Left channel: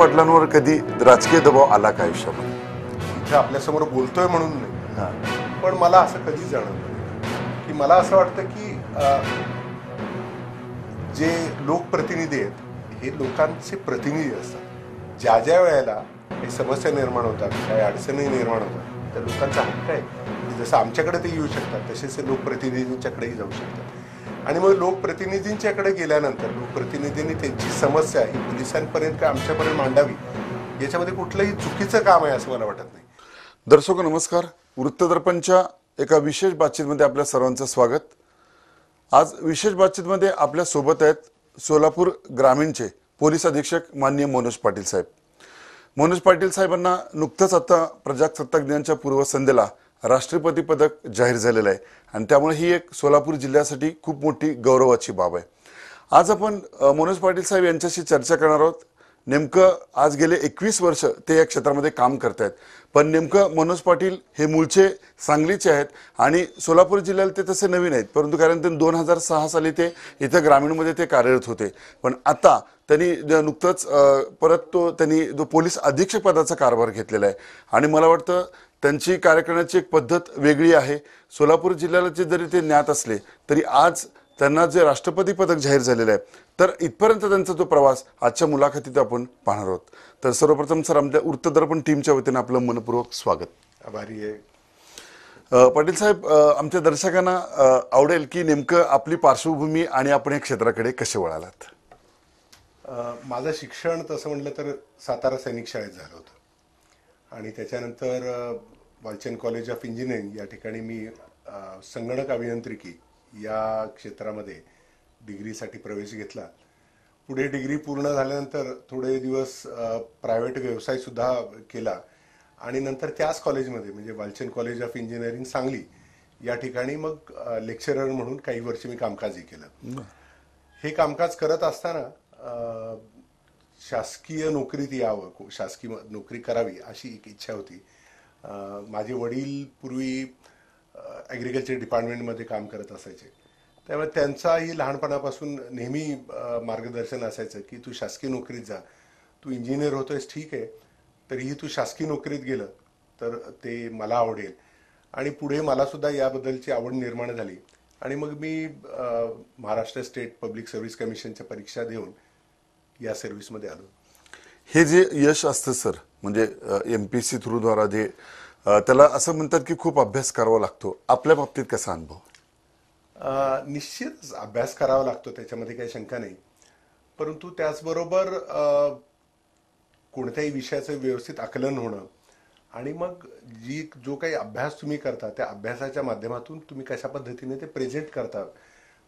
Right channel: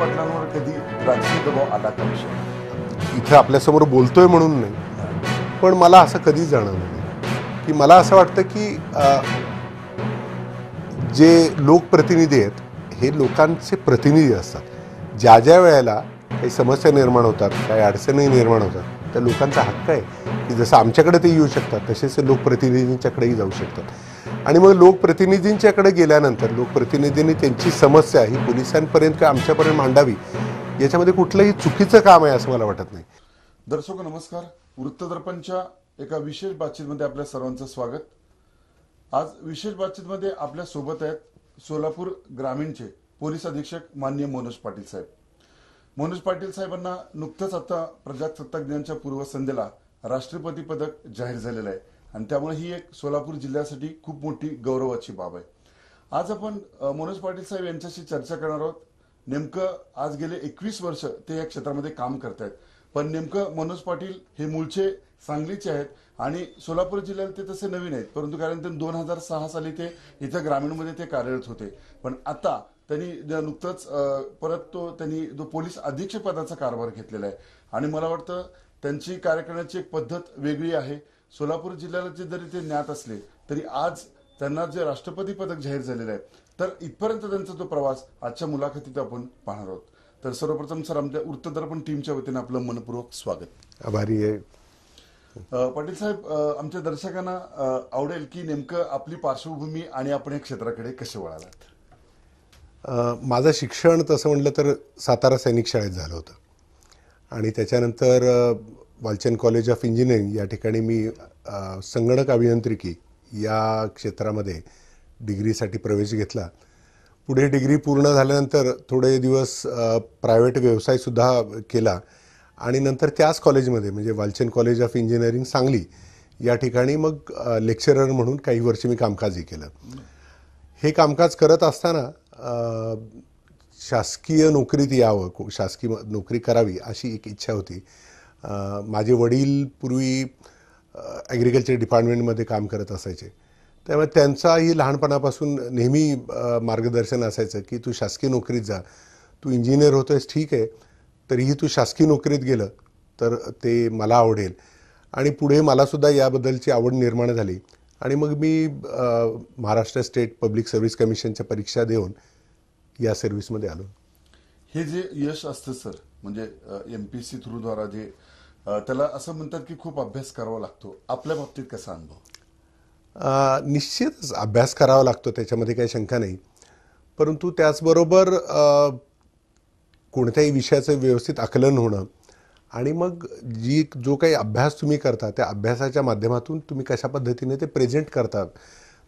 पाटलांवर कधी राजकीय दबाव आला का आयुष्यात? इथे आपल्यासमोर बोलतोय म्हणून नाही, पण मला असं कधी जाणवलं नाही की मला असं वाटतं की जे लोकप्रतिनिधी आहेत हे लोकांचे प्रतिनिधी असतात. ज्या ज्या वेळेला काही समस्या निर्माण होतात, काही अडचणी निर्माण होतात, त्या लोकांचा हक्क आहे की जसं आमच्याकडे ते येऊ शकतात तसेच ते लोकप्रतिनिधींच्याकडेही जाऊ शकतात. आणि मग लोकप्रतिनिधींच्याकडे गेल्यानंतर लोकप्रतिनिधींनी त्यांची समस्या ही पोलिसांपर्यंत किंवा आमच्यापर्यंत मांडावी, याच्यामध्ये कुठलंही चुकीचं काम आहे असं मला वाटत नाही. दर्शक नमस्कार. वृत्तदर्पणच्या एका विशेष बातचीतमध्ये आपल्या सर्वांचं स्वागत. आज विशेष बातचीतमध्ये आपल्या सोबत आहेत सोलापूर ग्रामीणचे पोलीस अधीक्षक माननीय मनोज पाटील साहेब. मनोज पाटील साहेबांना नुकतंच आता प्रजासत्ताक दिनाच्या पूर्वसंध्येला राष्ट्रपती पदक जाहीर झालेलं आहे आणि त्यामुळे ही एक सोलापूर जिल्ह्यासाठी खूप मोठी गौरवाची बाब आहे. आज आपण मनोज पाटील साहेब यांच्याशी चर्चा करणार आहोत. नेमकं आज गेले 21 वर्ष ते या क्षेत्रामध्ये काम करतायत, पण नेमकं मनोज पाटील हे मूळचे सांगलीचे आहेत आणि सोलापूर जिल्ह्याला ते तसे नवीन आहेत, परंतु कारण ते 2006 साली ते इथं ग्रामीणमध्ये ते कार्यरत होते. पण आता त्यांनी नुकतंच परत त्यांनी जो पोलीस अधीक्षक पदाचा कारभार घेतलेला आहे आणि मला वाटतं त्यांची कार्य करण्याची एक पद्धत वेगळी आहे. सोलापूर जिल्ह्याला जरी ते ज्ञात असले तरी आज त्यांना जे राष्ट्रपती पदक जाहीर झालेलं आहे, तर इथपर्यंत त्यांचा जो प्रवास आजच्या मुलाखतीत आपण पाहणार आहोत. तर सर्वप्रथम सर, आमच्या वृत्तदर्पण टीमच्या वतीने आपलं मनपूर्वक स्वागत. आभारी आहे. पाटील साहेब, आमच्या दर्शकांना आवडेल की नेमकं आपली पार्श्वभूमी आणि आपण या क्षेत्राकडे कसे वळालात? माझं शिक्षण तसं म्हटलं तर सातारा सैनिक शाळेत झालं होतं आणि त्याच्यानंतर वालचंद कॉलेज ऑफ इंजिनिअरिंग या ठिकाणी मी संगणक अभियांत्रिकी या क्षेत्रामध्ये डिग्रीसाठी प्रवेश घेतला. पुढे डिग्री पूर्ण झाल्यानंतर थोडे दिवस प्रायव्हेट व्यवसायसुद्धा केला आणि नंतर त्याच कॉलेजमध्ये म्हणजे Walchand college of engineering Sangli या ठिकाणी मग लेक्चरर म्हणून काही वर्ष मी कामकाजही केलं. हे कामकाज करत असताना शासकीय नोकरीत यावं, शासकीय नोकरी करावी अशी एक इच्छा होती. माझे वडील पूर्वी ॲग्रिकल्चर डिपार्टमेंटमध्ये काम करत असायचे, त्यामुळे त्यांचाही लहानपणापासून नेहमी मार्गदर्शन असायचं की तू शासकीय नोकरीत जा, तू इंजिनियर होतोयस ठीक आहे, तरीही तू शासकीय नोकरीत गेलं तर ते मला आवडेल. आणि पुढे मलासुद्धा याबद्दलची आवड निर्माण झाली आणि मग मी महाराष्ट्र स्टेट पब्लिक सर्व्हिस कमिशनच्या परीक्षा देऊन या सर्व्हिसमध्ये आलो. हे जे यश असतं सर, म्हणजे MPSC थ्रूद्वारा जे त्याला असं म्हणतात की खूप अभ्यास करावा लागतो, आपल्या बाबतीत कसा अनुभव? निश्चितच अभ्यास करावा लागतो, त्याच्यामध्ये काही शंका नाही. परंतु त्याचबरोबर कोणत्याही विषयाचं व्यवस्थित आकलन होणं आणि मग जो काही अभ्यास तुम्ही करता त्या अभ्यासाच्या माध्यमातून तुम्ही कशा पद्धतीने ते प्रेझेंट करतात,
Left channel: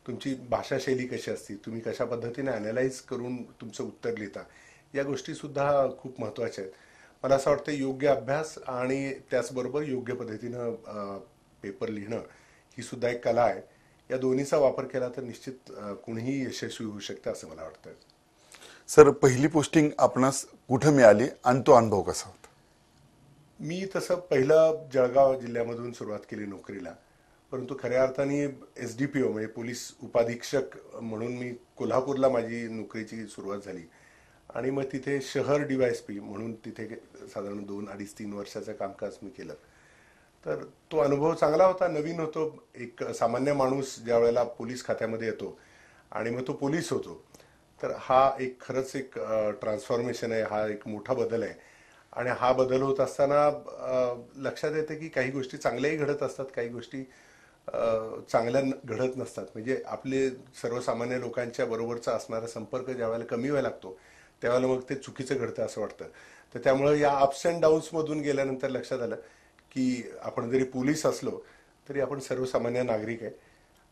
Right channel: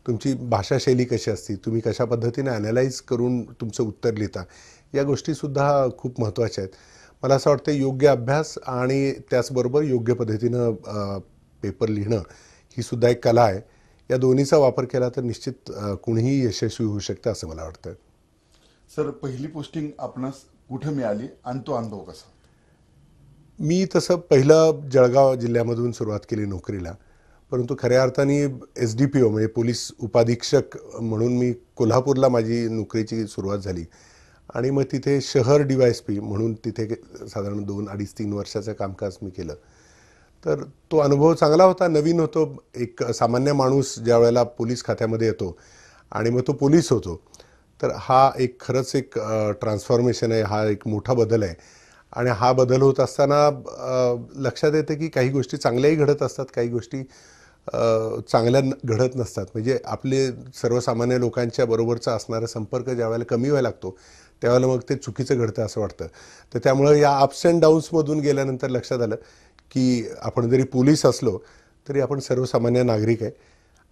तुमची भाषाशैली कशी असते, तुम्ही कशा पद्धतीने ॲनालाइज करून तुमचं उत्तर लिहिता, या गोष्टीसुद्धा खूप महत्त्वाच्या आहेत. मला असं वाटतं योग्य अभ्यास आणि त्याचबरोबर योग्य पद्धतीनं पेपर लिहिणं ही सुद्धा एक कला आहे. या दोन्हीचा वापर केला तर निश्चित कोणीही यशस्वी होऊ शकतं असं मला वाटतं. सर, पहिली पोस्टिंग आपणास कुठं मिळाली आणि तो अनुभव कसा होता? मी तसं पहिलं जळगाव जिल्ह्यामधून सुरुवात केली नोकरीला, परंतु खऱ्या अर्थाने SDPO म्हणजे पोलीस उपाधीक्षक म्हणून मी कोल्हापूरला माझी नोकरीची सुरुवात झाली आणि मग तिथे शहर DYSP म्हणून तिथे साधारण 2-2.5-3 वर्षाचं कामकाज मी केलं. तर तो अनुभव चांगला होता, नवीन होतो. एक सामान्य माणूस ज्या वेळेला पोलीस खात्यामध्ये येतो आणि मग तो पोलीस होतो, तर हा एक खरंच एक ट्रान्सफॉर्मेशन आहे, हा एक मोठा बदल आहे. आणि हा बदल होत असताना लक्षात येतं की काही गोष्टी चांगल्याही घडत असतात, काही गोष्टी चांगल्या घडत नसतात. म्हणजे आपले सर्वसामान्य लोकांच्या बरोबरचा असणारा संपर्क ज्या वेळेला कमी व्हायला लागतो त्यावेळेला मग ते चुकीचं घडतं असं वाटतं. तर त्यामुळं या अप्स अँड डाऊन्समधून गेल्यानंतर लक्षात आलं की आपण जरी पोलीस असलो तरी आपण सर्वसामान्य नागरिक आहे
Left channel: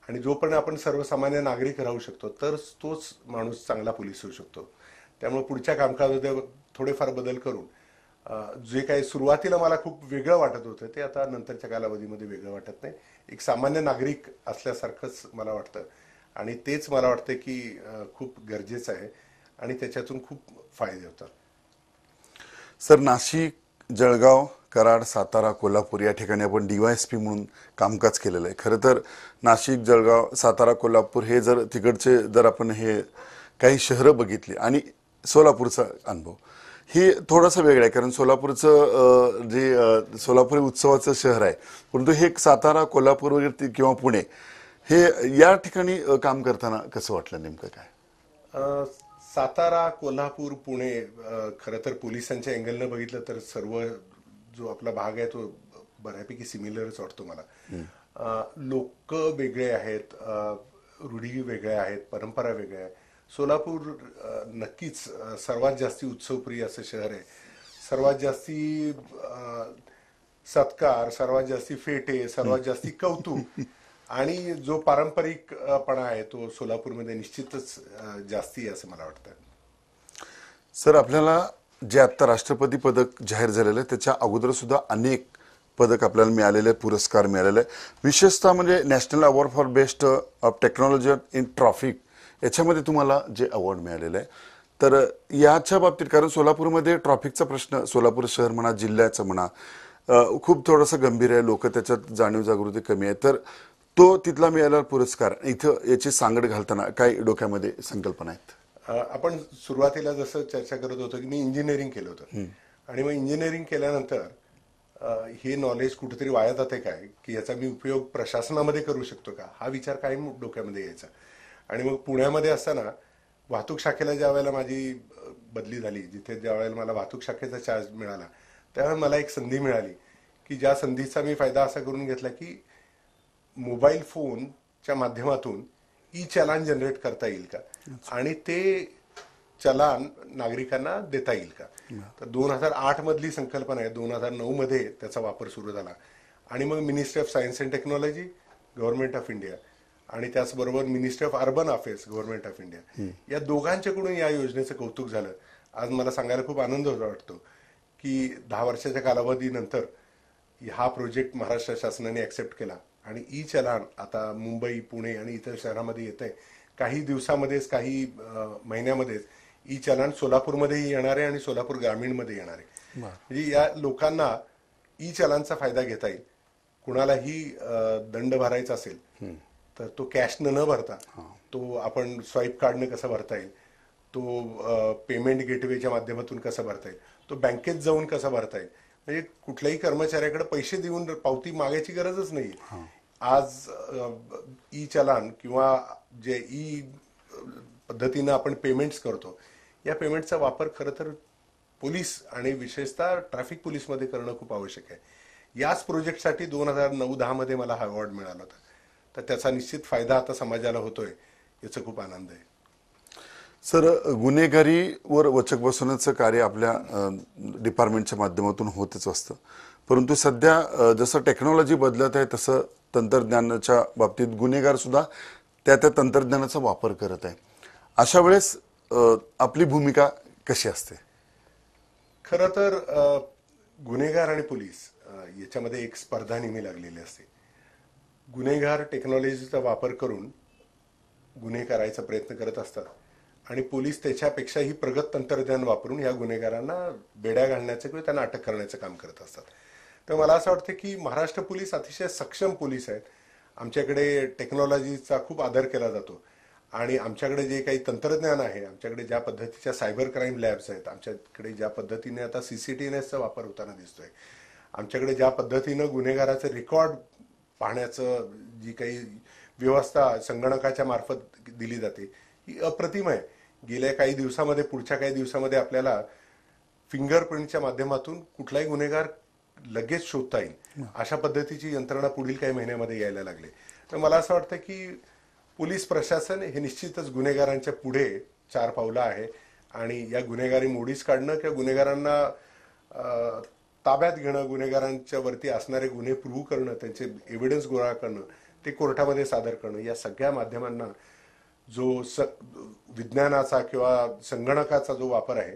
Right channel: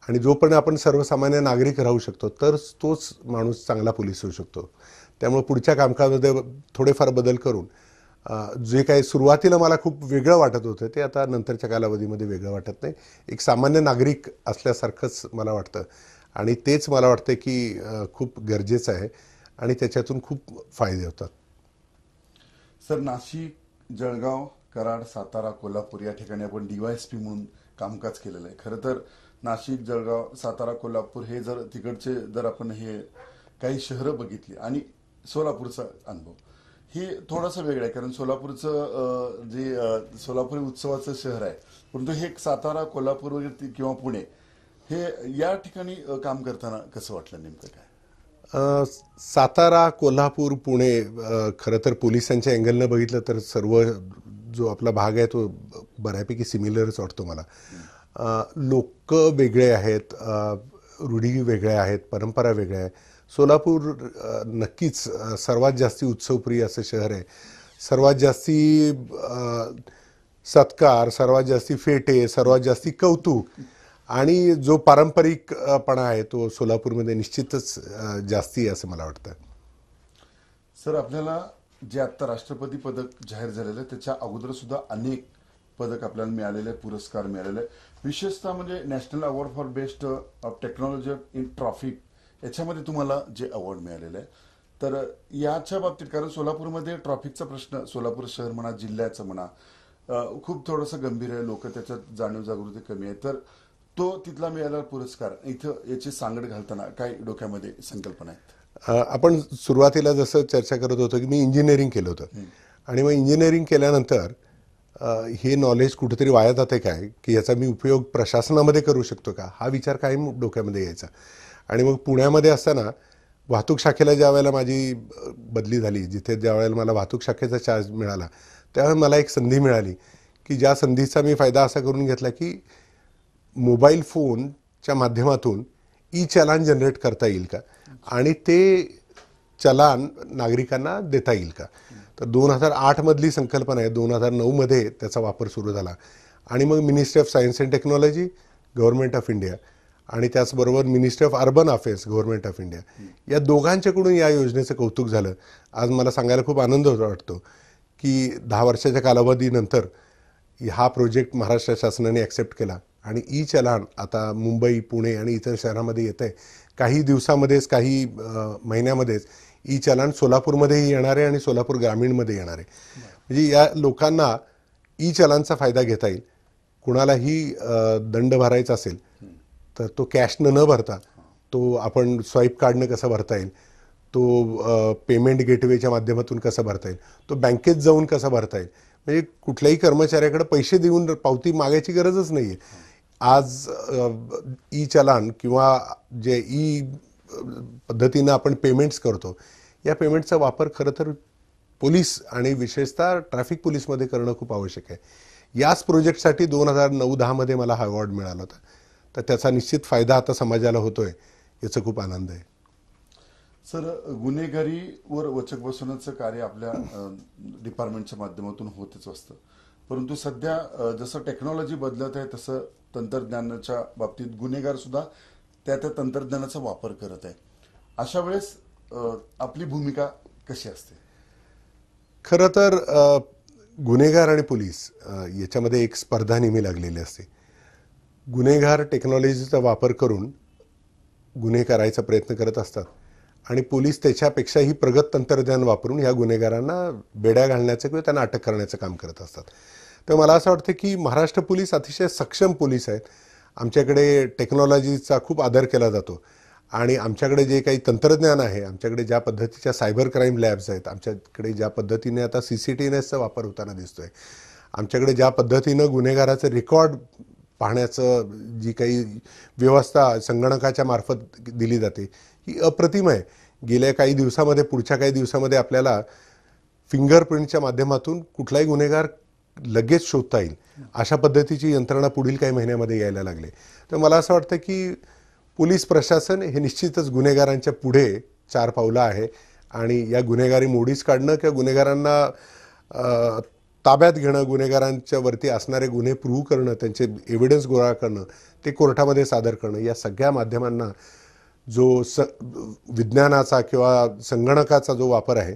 आणि जोपर्यंत आपण सर्वसामान्य नागरिक राहू शकतो तर तोच माणूस चांगला पोलीस होऊ शकतो. त्यामुळे पुढच्या कामकाजामध्ये थोडेफार बदल करून जे काही सुरुवातीला मला खूप वेगळं वाटत होतं ते आता नंतरच्या कालावधीमध्ये वेगळं वाटत नाही. एक सामान्य नागरिक असल्यासारखंच मला वाटतं आणि तेच मला वाटतं की खूप गरजेचं आहे आणि त्याच्यातून खूप फायदे होतात. सर, नाशिक, जळगाव, कराड, सातारा, कोल्हापूर या ठिकाणी आपण DYSP म्हणून कामकाज केलेलं आहे. खरं तर नाशिक, जळगाव, सातारा, कोल्हापूर हे जर तिकडचे जर आपण हे काही शहरं बघितली आणि सोलापूरचा अनुभव, हे थोडंसं वेगळं आहे, कारण सोलापूरचं जे सोलापूर उत्सवाचं शहर आहे, परंतु हे एक सातारा, कोल्हापूर वगैरे किंवा पुणे हे या ठिकाणी काम करताना कसं वाटलं नेमकं काय? अ, सातारा, कोल्हापूर, पुणे खरं तर पोलिसांच्या अँगलनं बघितलं तर सर्व जो आपला भाग आहे तो बऱ्यापैकी सिमिलरच वाटतो मला. लोक वेगळे आहेत, रूढी वेगळ्या आहेत, परंपरा वेगळ्या आहेत. सोलापूर नक्कीच सर्वात जास्ती उत्सवप्रिय असं शहर आहे. सर्वात जास्ती सत्कार, सर्वात जास्ती फेटे, सर्वात जास्ती कौतुक आणि जो पारंपरिकपणा आहे तो सोलापूरमध्ये निश्चितच जास्ती आहे असं मला वाटतं. सर, आपल्याला जे आत्ता राष्ट्रपती पदक जाहीर झालेलं आहे त्याच्या अगोदर सुद्धा अनेक पदक आपल्याला मिळालेले आहेत, पुरस्कार मिळालेले आहे. विशेषतः म्हणजे national award for best of technology in traffic याच्यामध्ये तुम्हाला जे अवॉर्ड मिळालेलं आहे, तर याच्या बाबतीत कारण सोलापूरमध्ये ट्रॅफिकचा प्रश्न, सोलापूर शहर म्हणा, जिल्ह्याचं म्हणा, खूप थोडंसं गंभीर आहे. लोक त्याच्यात जाणीव जागृती कमी आहे. तर तो तिथला मिळालेला पुरस्कार इथं याची सांगड घालताना काय डोक्यामध्ये संकल्पना आहेत? आपण सुरुवातीला जसं चर्चा करत होतो की मी इंजिनिअरिंग केलं होतं आणि मग इंजिनिअरिंग केल्यानंतर हे नॉलेज कुठेतरी वाया जाते काय, की याचा मी उपयोग प्रशासनामध्ये करू शकतो का, हा विचार कायम डोक्यामध्ये यायचा. आणि मग पुण्यामध्ये असताना वाहतूक शाखेला ज्या वेळेला माझी बदली झाली, जिथे ज्या वेळेला मला वाहतूक शाखेचा चार्ज मिळाला, त्यावेळेला मला एक संधी मिळाली की ज्या संधीचा मी फायदा असा करून घेतला की मोबाईल फोनच्या माध्यमातून ई चलान जनरेट करता येईल का आणि ते चलान नागरिकांना देता येईल का. तर 2008 मधली संकल्पना आहे. 2009 मध्ये त्याचा वापर सुरू झाला आणि मग ministry of science and technology, government of India आणि त्याचबरोबर ministry of urban affairs, government of India, या दोघांच्याकडून या योजनेचं कौतुक झालं. आज मला सांगायला खूप आनंद वाटतो की 10 वर्षाच्या कालावधीनंतर हा प्रोजेक्ट महाराष्ट्र शासनाने ॲक्सेप्ट केला आणि ई चलान आता मुंबई, पुणे आणि इतर शहरामध्ये येत आहे. काही दिवसामध्येच, काही महिन्यामध्येच ई चलान सोलापूरमध्येही येणार आहे आणि सोलापूर ग्रामीणमध्ये येणार आहे. म्हणजे या लोकांना ई चलानचा फायदा घेता येईल. कुणालाही दंड भरायचा असेल तर तो कॅशनं न भरता तो आपण स्वाईप कार्डनं कसा भरता येईल, तो पेमेंट गेटवेच्या माध्यमातून कसा भरता येईल, तो बँकेत जाऊन कसा भरता येईल. म्हणजे कुठल्याही कर्मचाऱ्याकडे पैसे देऊन पावती मागायची गरजच नाही आहे. आज ई चलान किंवा जे ई पद्धतीनं आपण पेमेंट्स करतो, या पेमेंटचा वापर खरं तर पोलीस आणि विशेषतः ट्रॅफिक पोलीसमध्ये करणं खूप आवश्यक आहे. याच प्रोजेक्टसाठी 2009-10 मध्ये मला हा अवॉर्ड मिळाला होता. तर त्याचा निश्चित फायदा आता समाजाला होतोय, याचा खूप आनंद आहे. सर, गुन्हेगारीवर वचक बसवण्याचं कार्य आपल्या डिपार्टमेंटच्या माध्यमातून होतच असतं, परंतु सध्या जसं टेक्नॉलॉजी बदलत आहे तसं तंत्रज्ञानाच्या बाबतीत गुन्हेगार सुद्धा त्या तंत्रज्ञानाचा वापर करत आहे. अशा वेळेस आपली भूमिका कशी असते? खरं तर गुन्हेगार आणि पोलीस याच्यामध्ये एक स्पर्धा नेहमी लागलेली असते. गुन्हेगार टेक्नॉलॉजीचा वापर करून गुन्हे करायचा प्रयत्न करत असतात आणि पोलीस त्याच्यापेक्षाही प्रगत तंत्रज्ञान वापरून या गुन्हेगारांना बेड्या घालण्याचं किंवा त्यांना अटक करण्याचं काम करत असतात. तर मला असं वाटतं की महाराष्ट्र पोलीस अतिशय सक्षम पोलीस आहेत. आमच्याकडे टेक्नॉलॉजीचा खूप आदर केला जातो आणि आमच्याकडे जे काही तंत्रज्ञान आहे, आमच्याकडे ज्या पद्धतीच्या सायबर क्राईम लॅब्स आहेत, आमच्याकडे ज्या पद्धतीने आता CCTVचा वापर होताना दिसतोय, आमच्याकडे ज्या पद्धतीनं गुन्हेगाराचं रेकॉर्ड पाहण्याचं जी काही व्यवस्था संगणकाच्या मार्फत दिली जाते ही अप्रतिम आहे. गेल्या काही दिवसामध्ये, पुढच्या काही दिवसामध्ये आपल्याला फिंगरप्रिंटच्या माध्यमातून कुठलाही गुन्हेगार लगेच शोधता येईल, अशा पद्धतीची यंत्रणा पुढील काही महिन्यामध्ये यायला लागले. तर मला असं वाटतं की पोलीस प्रशासन हे निश्चितच गुन्हेगारांच्या पुढे 4 पावलं आहे आणि या गुन्हेगारी मोडीस काढणं किंवा गुन्हेगारांना ताब्यात घेणं, गुन्हेगारांच्या वरती असणारे गुन्हे प्रूव्ह करणं, त्यांचे एव्हिडन्स गोळा करणं, ते कोर्टामध्ये सादर करणं, या सगळ्या माध्यमांना जो विज्ञानाचा किंवा संगणकाचा जो वापर आहे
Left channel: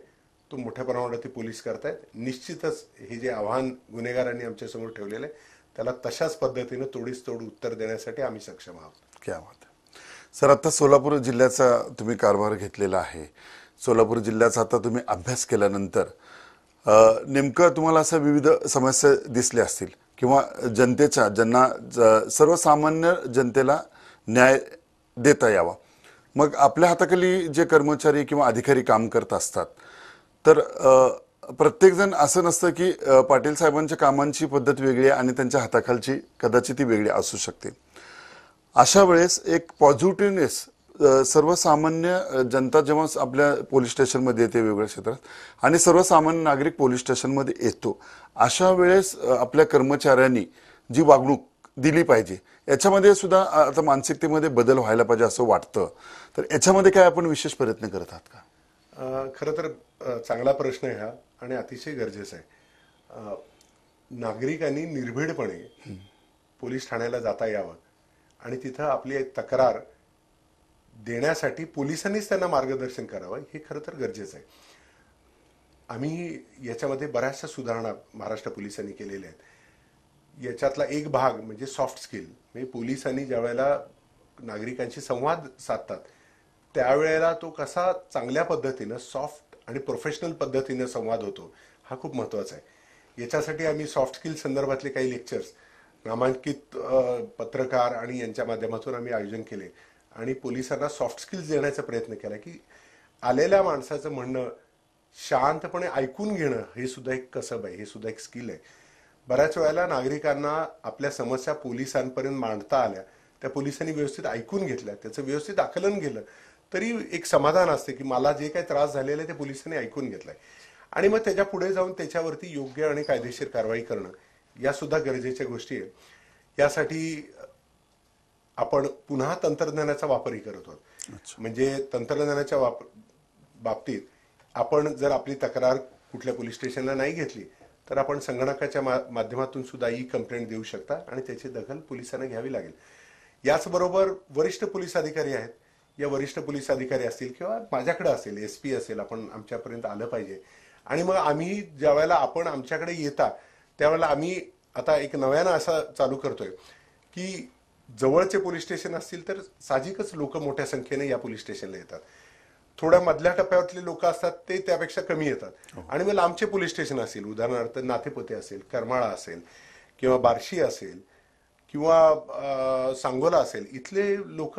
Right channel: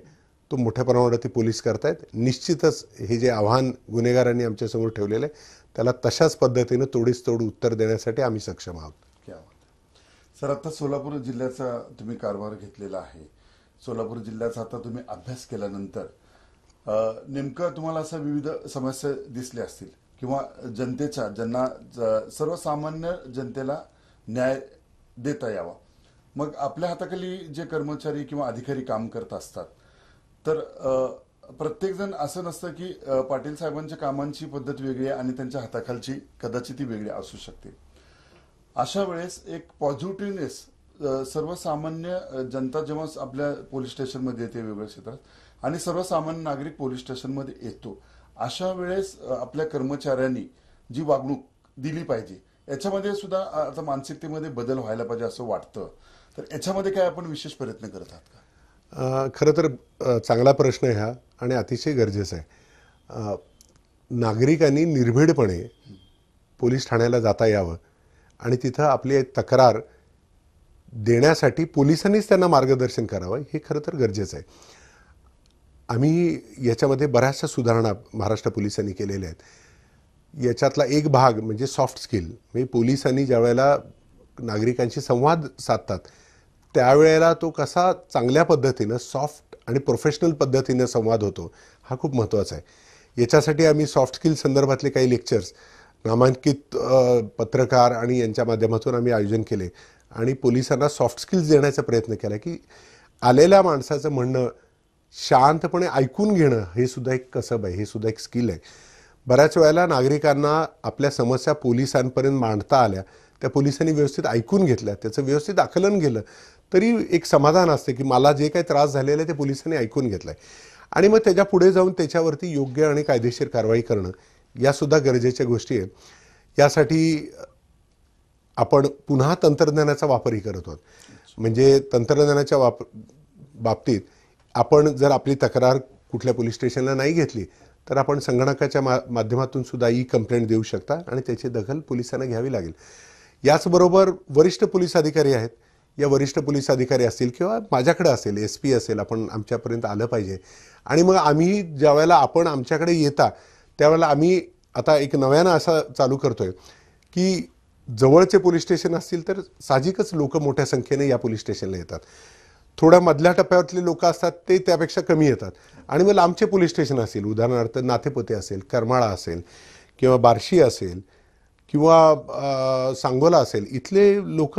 तो मोठ्या प्रमाणावरती पोलीस करतायत. निश्चितच हे जे आव्हान गुन्हेगारांनी आमच्यासमोर ठेवलेलं आहे त्याला तशाच पद्धतीनं तोडीस तोड उत्तर देण्यासाठी आम्ही सक्षम आहोत. क्या बात आहे. सर, आता सोलापूर जिल्ह्याचा तुम्ही कारभार घेतलेला आहे. सोलापूर जिल्ह्याचा आता तुम्ही अभ्यास केल्यानंतर नेमकं तुम्हाला अशा विविध समस्या दिसल्या असतील किंवा जनतेच्या, ज्यांना सर्वसामान्य जनतेला न्याय देता यावा, मग आपल्या हाताखाली जे कर्मचारी किंवा अधिकारी काम करत असतात तर प्रत्येकजण असं नसतं की पाटील साहेबांच्या कामांची पद्धत वेगळी आहे आणि त्यांच्या हाताखालची कदाचित ती वेगळी असू शकते. अशा वेळेस एक पॉझिटिव्हनेस सर्वसामान्य जनता जेव्हा आपल्या पोलीस स्टेशनमध्ये येते वेगवेगळ्या क्षेत्रात आणि सर्वसामान्य नागरिक पोलीस स्टेशनमध्ये येतो, अशा वेळेस आपल्या कर्मचाऱ्यांनी जी वागणूक दिली पाहिजे याच्यामध्ये सुद्धा आता मानसिकतेमध्ये बदल व्हायला पाहिजे असं वाटतं. तर याच्यामध्ये काय आपण विशेष प्रयत्न करत आहात का? खरं तर चांगला प्रश्न आहे हा आणि अतिशय गरजेचा आहे. नागरिकांनी निर्भीडपणे पोलीस ठाण्याला जाता यावं आणि तिथं आपली तक्रार देण्यासाठी पोलिसांनीच त्यांना मार्गदर्शन करावं, हे खरं तर गरजेचं आहे. आम्ही याच्यामध्ये बऱ्याचशा सुधारणा महाराष्ट्र पोलिसांनी केलेल्या आहेत. याच्यातला एक भाग म्हणजे सॉफ्ट स्किल. म्हणजे पोलिसांनी ज्या वेळेला नागरिकांशी संवाद साधतात त्यावेळेला तो कसा चांगल्या पद्धतीनं सॉफ्ट आणि प्रोफेशनल पद्धतीनं संवाद होतो, हा खूप महत्त्वाचा आहे. याच्यासाठी आम्ही सॉफ्ट स्किल संदर्भातले काही लेक्चर्स नामांकित पत्रकार आणि यांच्या माध्यमातून आम्ही आयोजन केले आणि पोलिसांना सॉफ्ट स्किल्स देण्याचा प्रयत्न केला की आलेल्या माणसाचं म्हणणं शांतपणे ऐकून घेणं हे सुद्धा एक कसब आहे, हे सुद्धा एक स्किल आहे. बऱ्याच वेळेला नागरिकांना आपल्या समस्या पोलिसांपर्यंत मांडता आल्या, त्या पोलिसांनी व्यवस्थित ऐकून घेतल्या, त्याचं व्यवस्थित आकलन केलं तरी एक समाधान असते की मला जे काही त्रास झालेला आहे ते पोलिसांनी ऐकून घेतलं आहे. आणि मग त्याच्या पुढे जाऊन त्याच्यावरती योग्य आणि कायदेशीर कारवाई करणं यासुद्धा गरजेच्या गोष्टी आहेत. यासाठी आपण पुन्हा तंत्रज्ञानाचा वापरही करत आहोत. म्हणजे तंत्रज्ञानाच्या बाबतीत आपण जर आपली तक्रार कुठल्या पोलीस स्टेशनला नाही घेतली तर आपण संगणकाच्या माध्यमातून सुद्धा कंप्लेंट देऊ शकता आणि त्याची दखल पोलिसांना घ्यावी लागेल. याचबरोबर वरिष्ठ पोलीस अधिकारी आहेत, या वरिष्ठ पोलीस अधिकारी असतील किंवा माझ्याकडे असेल, SP असेल, आपण आमच्यापर्यंत आलं पाहिजे. आणि मग आम्ही ज्या वेळेला आपण आमच्याकडे येता त्यावेळेला आम्ही आता एक नव्यानं असं चालू करतोय की जवळचे पोलीस स्टेशन असतील तर साहजिकच लोक मोठ्या संख्येने या पोलीस स्टेशनला येतात. थोड्या मधल्या टप्प्यातले लोक असतात ते त्यापेक्षा कमी येतात. आणि मग लांबचे पोलीस स्टेशन असेल, उदाहरणार्थ नातेपोते असेल, करमाळा असेल किंवा बार्शी असेल किंवा सांगोला असेल, इथले लोक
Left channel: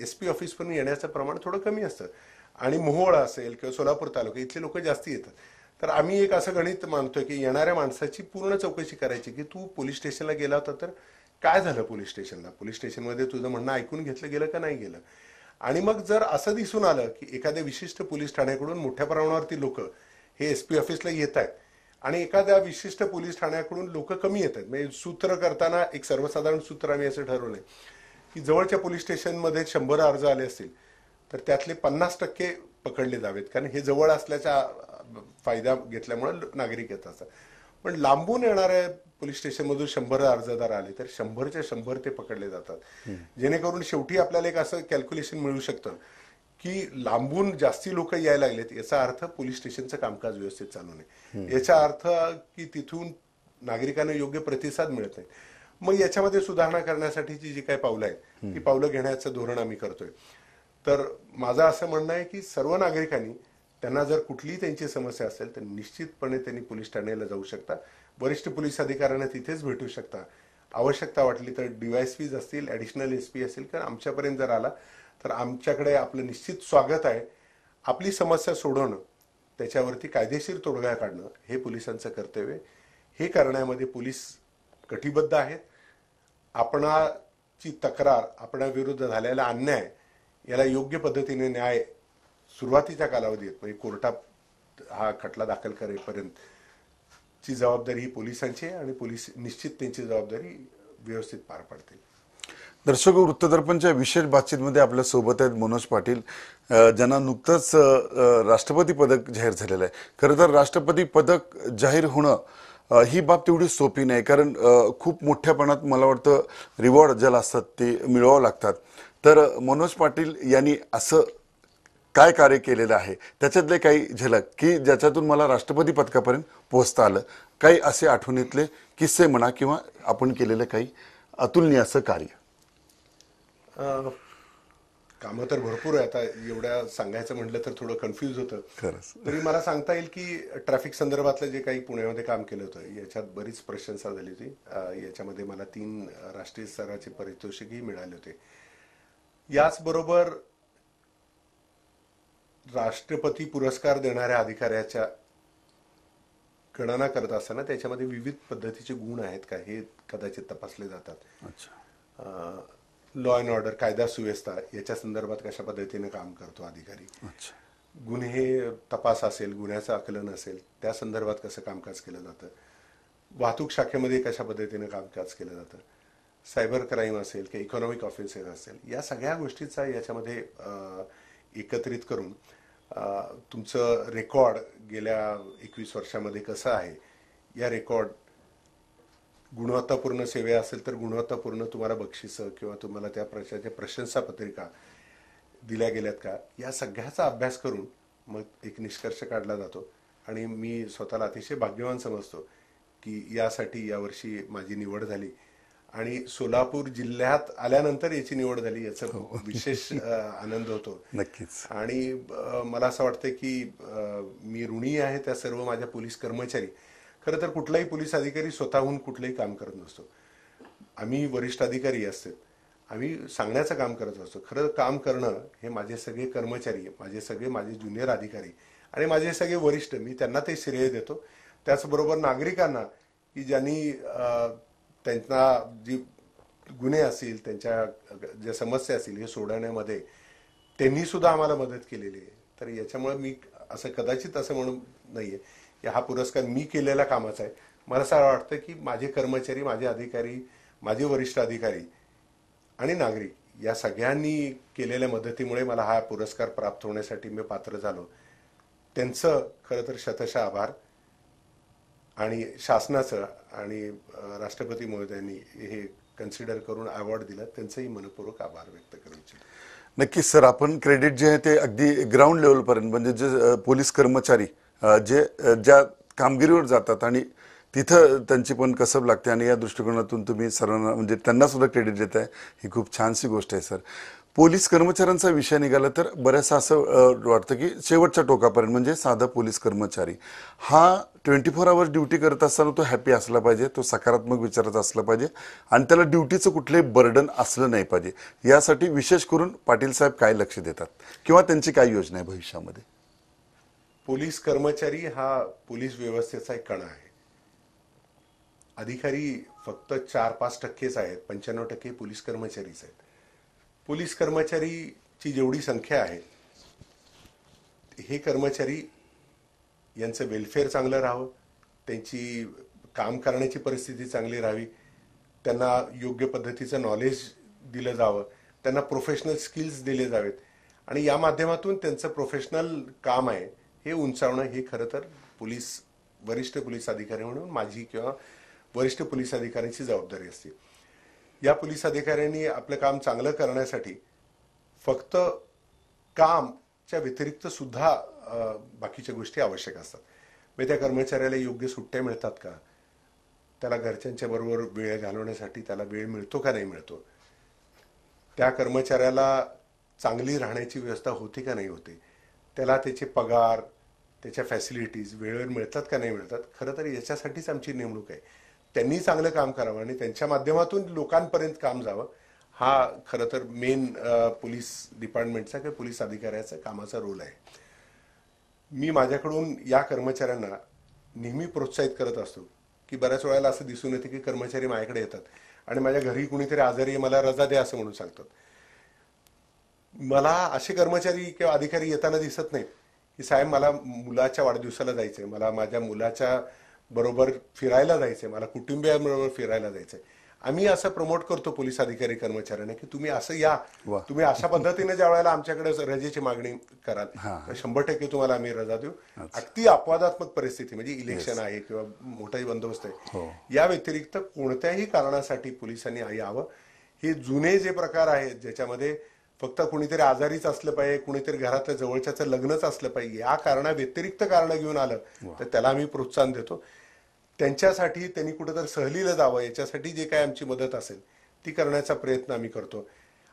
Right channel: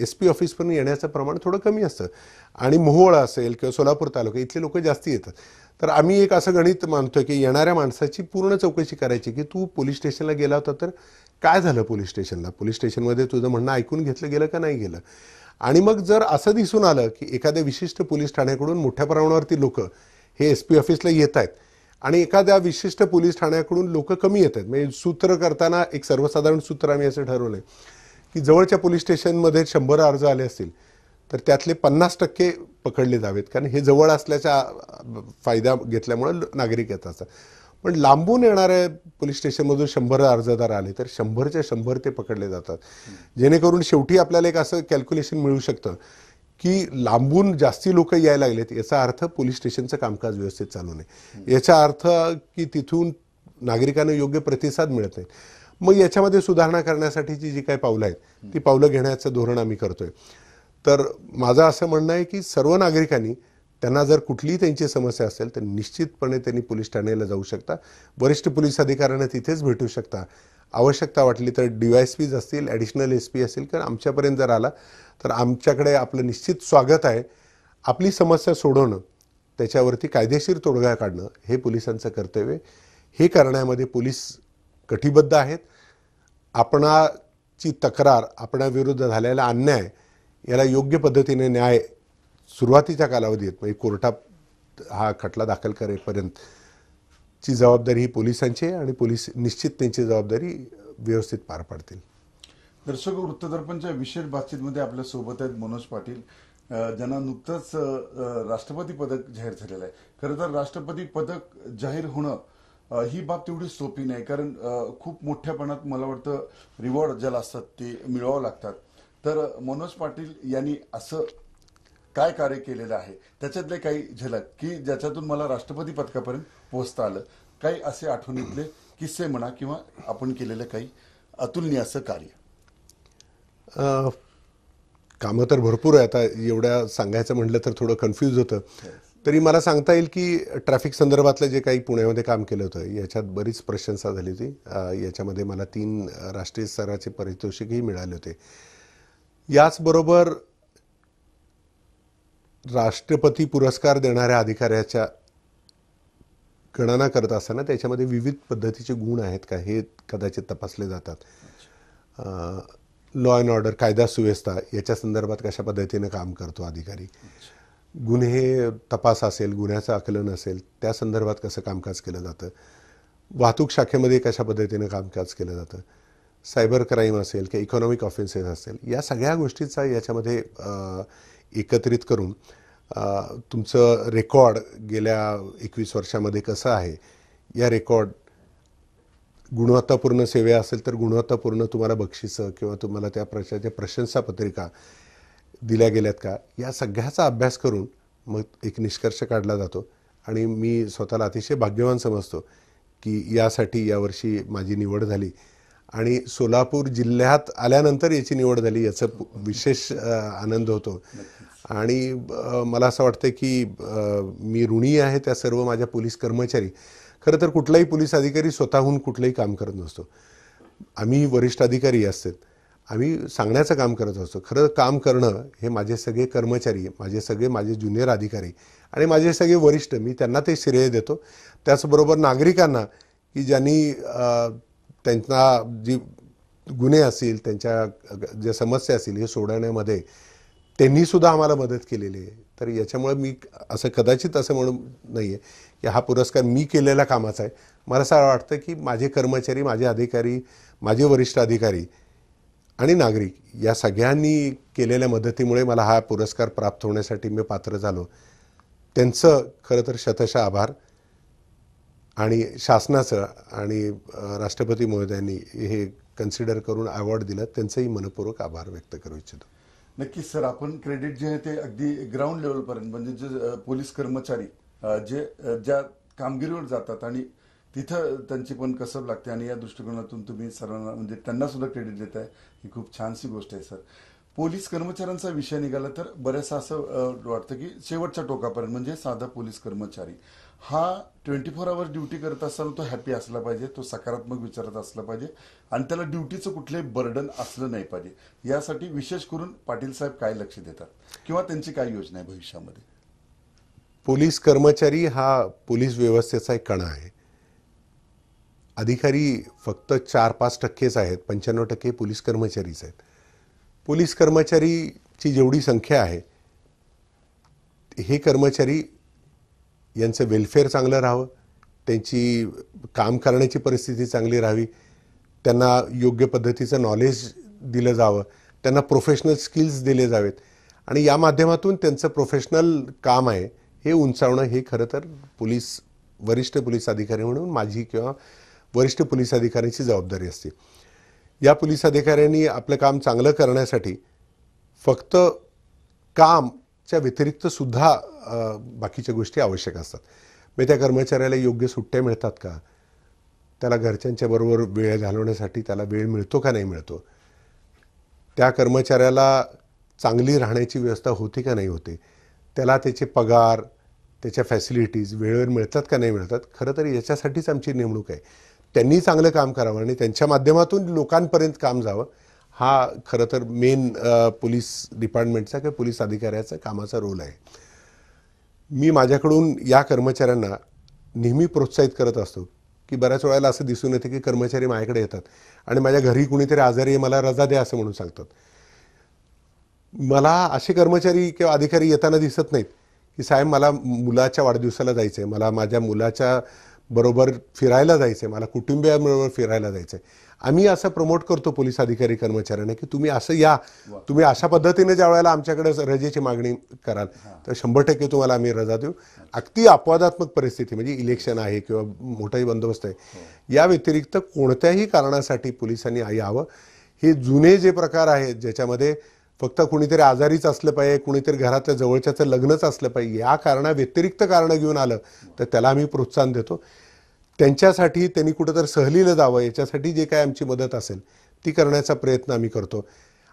SP ऑफिसपर्यंत येण्याचं प्रमाण थोडं कमी असतं. आणि मोहोळ असेल किंवा सोलापूर तालुका इथले लोक जास्ती येतात. तर आम्ही एक असं गणित मानतोय की येणाऱ्या माणसाची पूर्ण चौकशी करायची की तू पोलीस स्टेशनला गेला होता तर काय झालं, पोलीस स्टेशनला, पोलीस स्टेशनमध्ये तुझं म्हणणं ऐकून घेतलं गेलं का नाही गेलं. आणि मग जर असं दिसून आलं की एखाद्या विशिष्ट पोलीस ठाण्याकडून मोठ्या प्रमाणावरती लोक हे SP ऑफिसला येत आहेत आणि एखाद्या विशिष्ट पोलीस ठाण्याकडून लोक कमी येत आहेत, म्हणजे सूत्र करताना एक सर्वसाधारण सूत्र आम्ही असं ठरवलंय की जवळच्या पोलीस स्टेशनमध्ये 100 अर्ज आले असतील तर त्यातले 50% पकडले जावेत, कारण हे जवळ असल्याचा फायदा घेतल्यामुळे नागरिक येत असतात. पण लांबून येणाऱ्या पोलीस स्टेशनमधून 100 अर्जदार आले तर 100च्या 100 ते पकडले जातात. जेणेकरून शेवटी आपल्याला एक असं कॅल्क्युलेशन मिळू शकतं की लांबून जास्ती लोक यायला लागलेत याचा अर्थ पोलीस स्टेशनचं कामकाज व्यवस्थित चालू नाही, याचा अर्थ की तिथून नागरिकांना योग्य प्रतिसाद मिळत नाही. मग याच्यामध्ये सुधारणा करण्यासाठीची जी काही पावलं आहेत ती पावलं घेण्याचं धोरण आम्ही करतोय. तर माझं असं म्हणणं आहे की सर्व नागरिकांनी त्यांना जर कुठलीही त्यांची समस्या असेल तर निश्चितपणे त्यांनी पोलीस ठाण्याला जाऊ शकता, वरिष्ठ पोलीस अधिकाऱ्यांना तिथेच भेटू शकता. आवश्यकता वाटली तर DYSPs असतील, ॲडिशनल SP असतील, कारण आमच्यापर्यंत जर आला तर आमच्याकडे आपलं निश्चित स्वागत आहे. आपली समस्या सोडवणं, त्याच्यावरती कायदेशीर तोडगा काढणं हे पोलिसांचं कर्तव्य. हे करण्यामध्ये पोलीस कटिबद्ध आहेत. आपणाची तक्रार, आपणाविरुद्ध झालेला अन्याय याला योग्य पद्धतीने न्याय सुरुवातीच्या कालावधीत म्हणजे कोर्टात हा खटला दाखल करेपर्यंतची जबाबदारी ही पोलिसांची आहे आणि पोलीस निश्चित त्यांची जबाबदारी व्यवस्थित पार पाडतील. दर्शक, वृत्तदर्पणच्या विशेष बातचीतमध्ये आपल्या सोबत आहेत मनोज पाटील, ज्यांना नुकतंच राष्ट्रपती पदक जाहीर झालेलं आहे. खरं तर राष्ट्रपती पदक जाहीर होणं ही बाब तेवढी सोपी नाही, कारण खूप मोठ्या प्रमाणात मला वाटतं रिवॉर्ड ज्याला असतात ते मिळवावं लागतात. तर मनोज पाटील यांनी असं काय कार्य केलेलं आहे त्याच्यातले काही झलक की ज्याच्यातून मला राष्ट्रपती पदकापर्यंत पोहोचता आलं, काही असे आठवणीतले किस्से म्हणा किंवा आपण केलेलं काही अतुलनीय असं कार्य. कामं तर भरपूर आहे, आता एवढ्या सांगायचं म्हटलं तर थोडं कन्फ्यूज होतं. तरी मला सांगता येईल की ट्रॅफिक संदर्भातलं जे काही पुण्यामध्ये काम केलं होतं याच्यात बरीच प्रशंसा झाली होती. याच्यामध्ये मला 3 राष्ट्रीय स्तराचे पारितोषिकही मिळाले होते. याचबरोबर राष्ट्रपती पुरस्कार देणाऱ्या अधिकाऱ्याच्या गणना करत असताना त्याच्यामध्ये विविध पद्धतीचे गुण आहेत का हे कदाचित तपासले जातात. लॉ अँड ऑर्डर, कायदा सुव्यवस्था याच्या संदर्भात कशा पद्धतीने काम करतो अधिकारी, गुन्हे तपास असेल, गुन्ह्याचं आकलन असेल त्या संदर्भात कसं कामकाज केलं जातं, वाहतूक शाखेमध्ये कशा पद्धतीने कामकाज केलं जातं, सायबर क्राईम असेल किंवा इकॉनॉमिक ऑफेन्सेस असेल, या सगळ्या गोष्टीचा याच्यामध्ये एकत्रित करून तुमचं रेकॉर्ड गेल्या 21 वर्षामध्ये कसं आहे, या रेकॉर्ड गुणवत्तापूर्ण सेवा असेल तर गुणवत्तापूर्ण तुम्हाला बक्षिसं किंवा तुम्हाला त्या प्रश्नाच्या प्रशंसापत्रिका दिल्या गेल्यात का, या सगळ्याचा अभ्यास करून मग एक निष्कर्ष काढला जातो. आणि मी स्वतःला अतिशय भाग्यवान समजतो की यासाठी यावर्षी माझी निवड झाली आणि सोलापूर जिल्ह्यात आल्यानंतर याची निवड झाली याचा विशेष आनंद होतो. आणि मला असं वाटतं की मी ऋणी आहे त्या सर्व माझ्या पोलीस कर्मचारी. खरं तर कुठलाही पोलीस अधिकारी स्वतःहून कुठलंही काम करत नसतो. आम्ही वरिष्ठ अधिकारी असतात, आम्ही सांगण्याचं काम करत असतो. खरं काम करणं हे माझे सगळे कर्मचारी, माझे ज्युनियर अधिकारी आणि माझे सगळे वरिष्ठ, मी त्यांना ते श्रेय देतो. त्याचबरोबर नागरिकांना की ज्यांनी त्यांना जी गुन्हे असतील, त्यांच्या ज्या समस्या असतील हे सोडवण्यामध्ये त्यांनीसुद्धा आम्हाला मदत केलेली आहे. तर याच्यामुळे मी असं कदाचित असं म्हणून नाही आहे की हा पुरस्कार मी केलेल्या कामाचा आहे. मला असं वाटतं की माझे कर्मचारी, माझे अधिकारी, माझे वरिष्ठ अधिकारी आणि नागरिक या सगळ्यांनी केलेल्या मदतीमुळे मला हा पुरस्कार प्राप्त होण्यासाठी मी पात्र झालो. त्यांचं खरं तर शतशः आभार. आणि शासनाचं आणि राष्ट्रपती महोदयांनी हे कन्सिडर करून अवॉर्ड दिला त्यांचंही मनपूर्वक आभार व्यक्त करू इच्छितो. नक्कीच सर, आपण क्रेडिट जे आहे ते अगदी ग्राउंड लेवलपर्यंत म्हणजे जे पोलीस कर्मचारी जे ज्या कामगिरीवर जातात आणि तिथं त्यांची पण कसब लागते आणि या दृष्टिकोनातून तुम्ही सर्वांना म्हणजे त्यांना सुद्धा क्रेडिट देत आहे, ही खूप छानशी गोष्ट आहे सर. पोलीस कर्मचाऱ्यांचा विषय निघाला तर बऱ्याचसा असं वाटतं की शेवटच्या टोकापर्यंत म्हणजे साधा पोलीस कर्मचारी हा 24 आवर्स ड्युटी करत असताना तो हॅपी असला पाहिजे, तो सकारात्मक विचाराचा असला पाहिजे आणि त्याला ड्युटीचं कुठलंही बर्डन असलं नाही पाहिजे. यासाठी विशेष करून पाटील साहेब काय लक्ष देतात किंवा त्यांची काय योजना आहे भविष्यामध्ये? पोलीस कर्मचारी हा पोलीस व्यवस्थेचा एक कणा आहे. अधिकारी फक्त 4-5% आहेत, 95% पोलीस कर्मचारीच आहेत. पोलीस कर्मचारीची जेवढी संख्या आहे हे कर्मचारी यांचं वेलफेअर चांगलं राहावं, त्यांची काम करण्याची परिस्थिती चांगली राहावी, त्यांना योग्य पद्धतीचं नॉलेज दिलं जावं, त्यांना प्रोफेशनल स्किल्स दिले जावेत आणि या माध्यमातून त्यांचं प्रोफेशनल काम आहे हे उंचावणं हे खरं तर वरिष्ठ पोलीस अधिकारी म्हणून माझी किंवा वरिष्ठ पोलीस अधिकाऱ्याची जबाबदारी असते. या पोलीस अधिकाऱ्यांनी आपलं काम चांगलं करण्यासाठी फक्त कामच्या व्यतिरिक्त सुद्धा बाकीच्या गोष्टी आवश्यक असतात. मग त्या कर्मचाऱ्याला योग्य सुट्ट्या मिळतात का, त्याला घरच्यांच्या बरोबर वेळ घालवण्यासाठी त्याला वेळ मिळतो का नाही मिळतो, त्या कर्मचाऱ्याला चांगली राहण्याची व्यवस्था होते का नाही होते, त्याला त्याचे पगार, त्याच्या फॅसिलिटीज वेळेवर मिळतात का नाही मिळतात. खरं तर याच्यासाठीच आमची नेमणूक आहे. त्यांनी चांगलं काम करावं आणि त्यांच्या माध्यमातून लोकांपर्यंत काम जावं, हा खरं तर मेन पोलीस डिपार्टमेंटचा किंवा पोलीस अधिकाऱ्याचा कामाचा रोल आहे. मी माझ्याकडून या कर्मचाऱ्यांना नेहमी प्रोत्साहित करत असतो की बऱ्याच वेळेला असं दिसून येतं की कर्मचारी माझ्याकडे येतात आणि माझ्या घरी कुणीतरी आजारी आहे, मला रजा द्या असं म्हणून सांगतात. मला असे कर्मचारी किंवा अधिकारी येताना दिसत नाहीत की साहेब मला मुलाच्या वाढदिवसाला जायचं आहे, मला माझ्या मुलाच्या बरोबर फिरायला जायचं आहे, मला कुटुंबियांबरोबर फिरायला जायचं आहे. आम्ही असं प्रमोट करतो पोलीस अधिकारी कर्मचाऱ्यांना की तुम्ही असं या, तुम्ही अशा पद्धतीने ज्या वेळेला आमच्याकडे रजेची मागणी कराल तर 100% तुम्हाला आम्ही रजा देऊ. अगदी अपवादात्मक परिस्थिती म्हणजे इलेक्शन आहे किंवा मोठाही बंदोबस्त आहे, या व्यतिरिक्त कोणत्याही कारणासाठी पोलिसांनी यावं. हे जुने जे प्रकार आहेत ज्याच्यामध्ये फक्त कुणीतरी आजारीच असलं पाहिजे, कुणीतरी घरातल्या जवळच्याचं लग्नच असलं पाहिजे, या व्यतिरिक्त कारणं घेऊन आलं तर त्याला आम्ही प्रोत्साहन देतो. त्यांच्यासाठी त्यांनी कुठेतरी सहलीला जावं याच्यासाठी जे काय आमची मदत असेल ती करण्याचा प्रयत्न आम्ही करतो.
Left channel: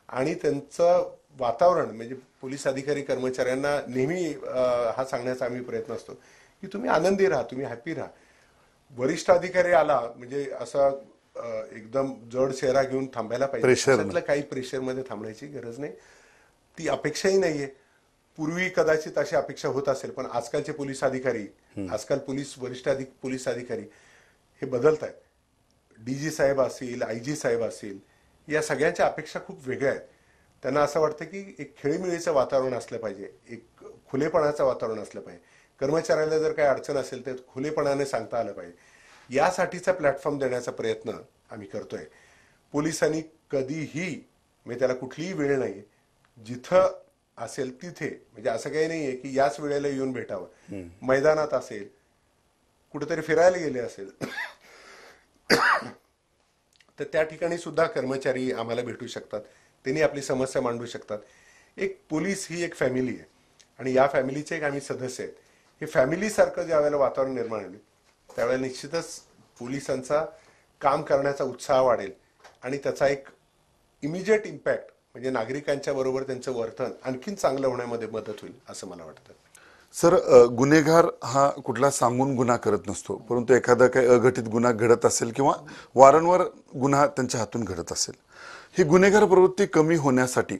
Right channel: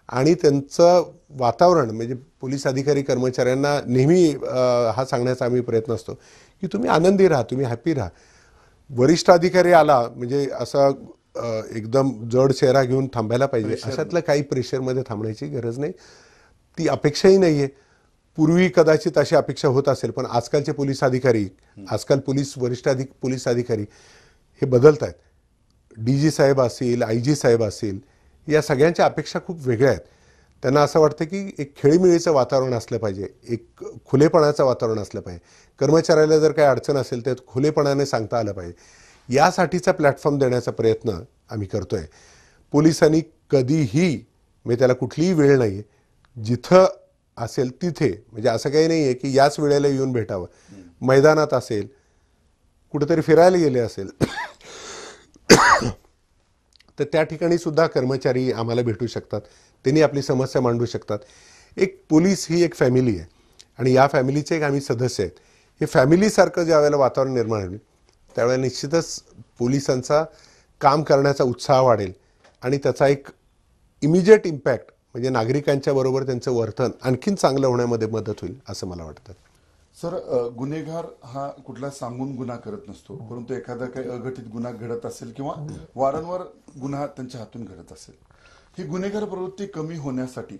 आणि त्यांचं वातावरण म्हणजे पोलीस अधिकारी कर्मचाऱ्यांना नेहमी हा सांगण्याचा आम्ही प्रयत्न असतो की तुम्ही आनंदी राहा, तुम्ही हॅपी राहा. वरिष्ठ अधिकारी आला म्हणजे असा एकदम जड चेहरा घेऊन थांबायला पाहिजे, अशातलं काही प्रेशरमध्ये थांबण्याची गरज नाही, ती अपेक्षाही नाही आहे. पूर्वी कदाचित अशी अपेक्षा होत असेल, पण आजकालचे पोलीस अधिकारी, आजकाल पोलीस अधिकारी हे बदलत आहेत. DG साहेब असतील, IG साहेब असतील, या सगळ्यांच्या अपेक्षा खूप वेगळ्या आहेत. त्यांना असं वाटतं की एक खेळीमेळीचं वातावरण असलं पाहिजे, एक खुलेपणाचं वातावरण असलं पाहिजे. कर्मचाऱ्याला जर काही अडचण असेल तर खुलेपणाने सांगता आलं पाहिजे. यासाठीचा प्लॅटफॉर्म देण्याचा प्रयत्न आम्ही करतोय. पोलिसांनी कधीही, म्हणजे त्याला कुठलीही वेळ नाही, जिथं असेल तिथे, म्हणजे असं काही नाही आहे की याच वेळेला येऊन भेटावं. मैदानात असेल, कुठेतरी फिरायला गेले असेल तर त्या ठिकाणी सुद्धा कर्मचारी आम्हाला भेटू शकतात, त्यांनी आपली समस्या मांडू शकतात. एक पोलीस ही एक फॅमिली आहे आणि या फॅमिलीचे एक आम्ही सदस्य आहेत. हे फॅमिलीसारखं ज्या वेळेला वातावरण निर्माण होईल त्यावेळेला निश्चितच पोलिसांचा काम करण्याचा उत्साह वाढेल आणि त्याचा एक इमिजिएट इम्पॅक्ट म्हणजे नागरिकांच्या बरोबर त्यांचं वर्तन आणखीन चांगलं होण्यामध्ये मदत होईल असं मला वाटतं. सर, गुन्हेगार हा कुठला सांगून गुन्हा करत नसतो, परंतु एखादा काही अघटित गुन्हा घडत असेल किंवा वारंवार गुन्हा त्यांच्या हातून घडत असेल, ही गुन्हेगार प्रवृत्ती कमी होण्यासाठी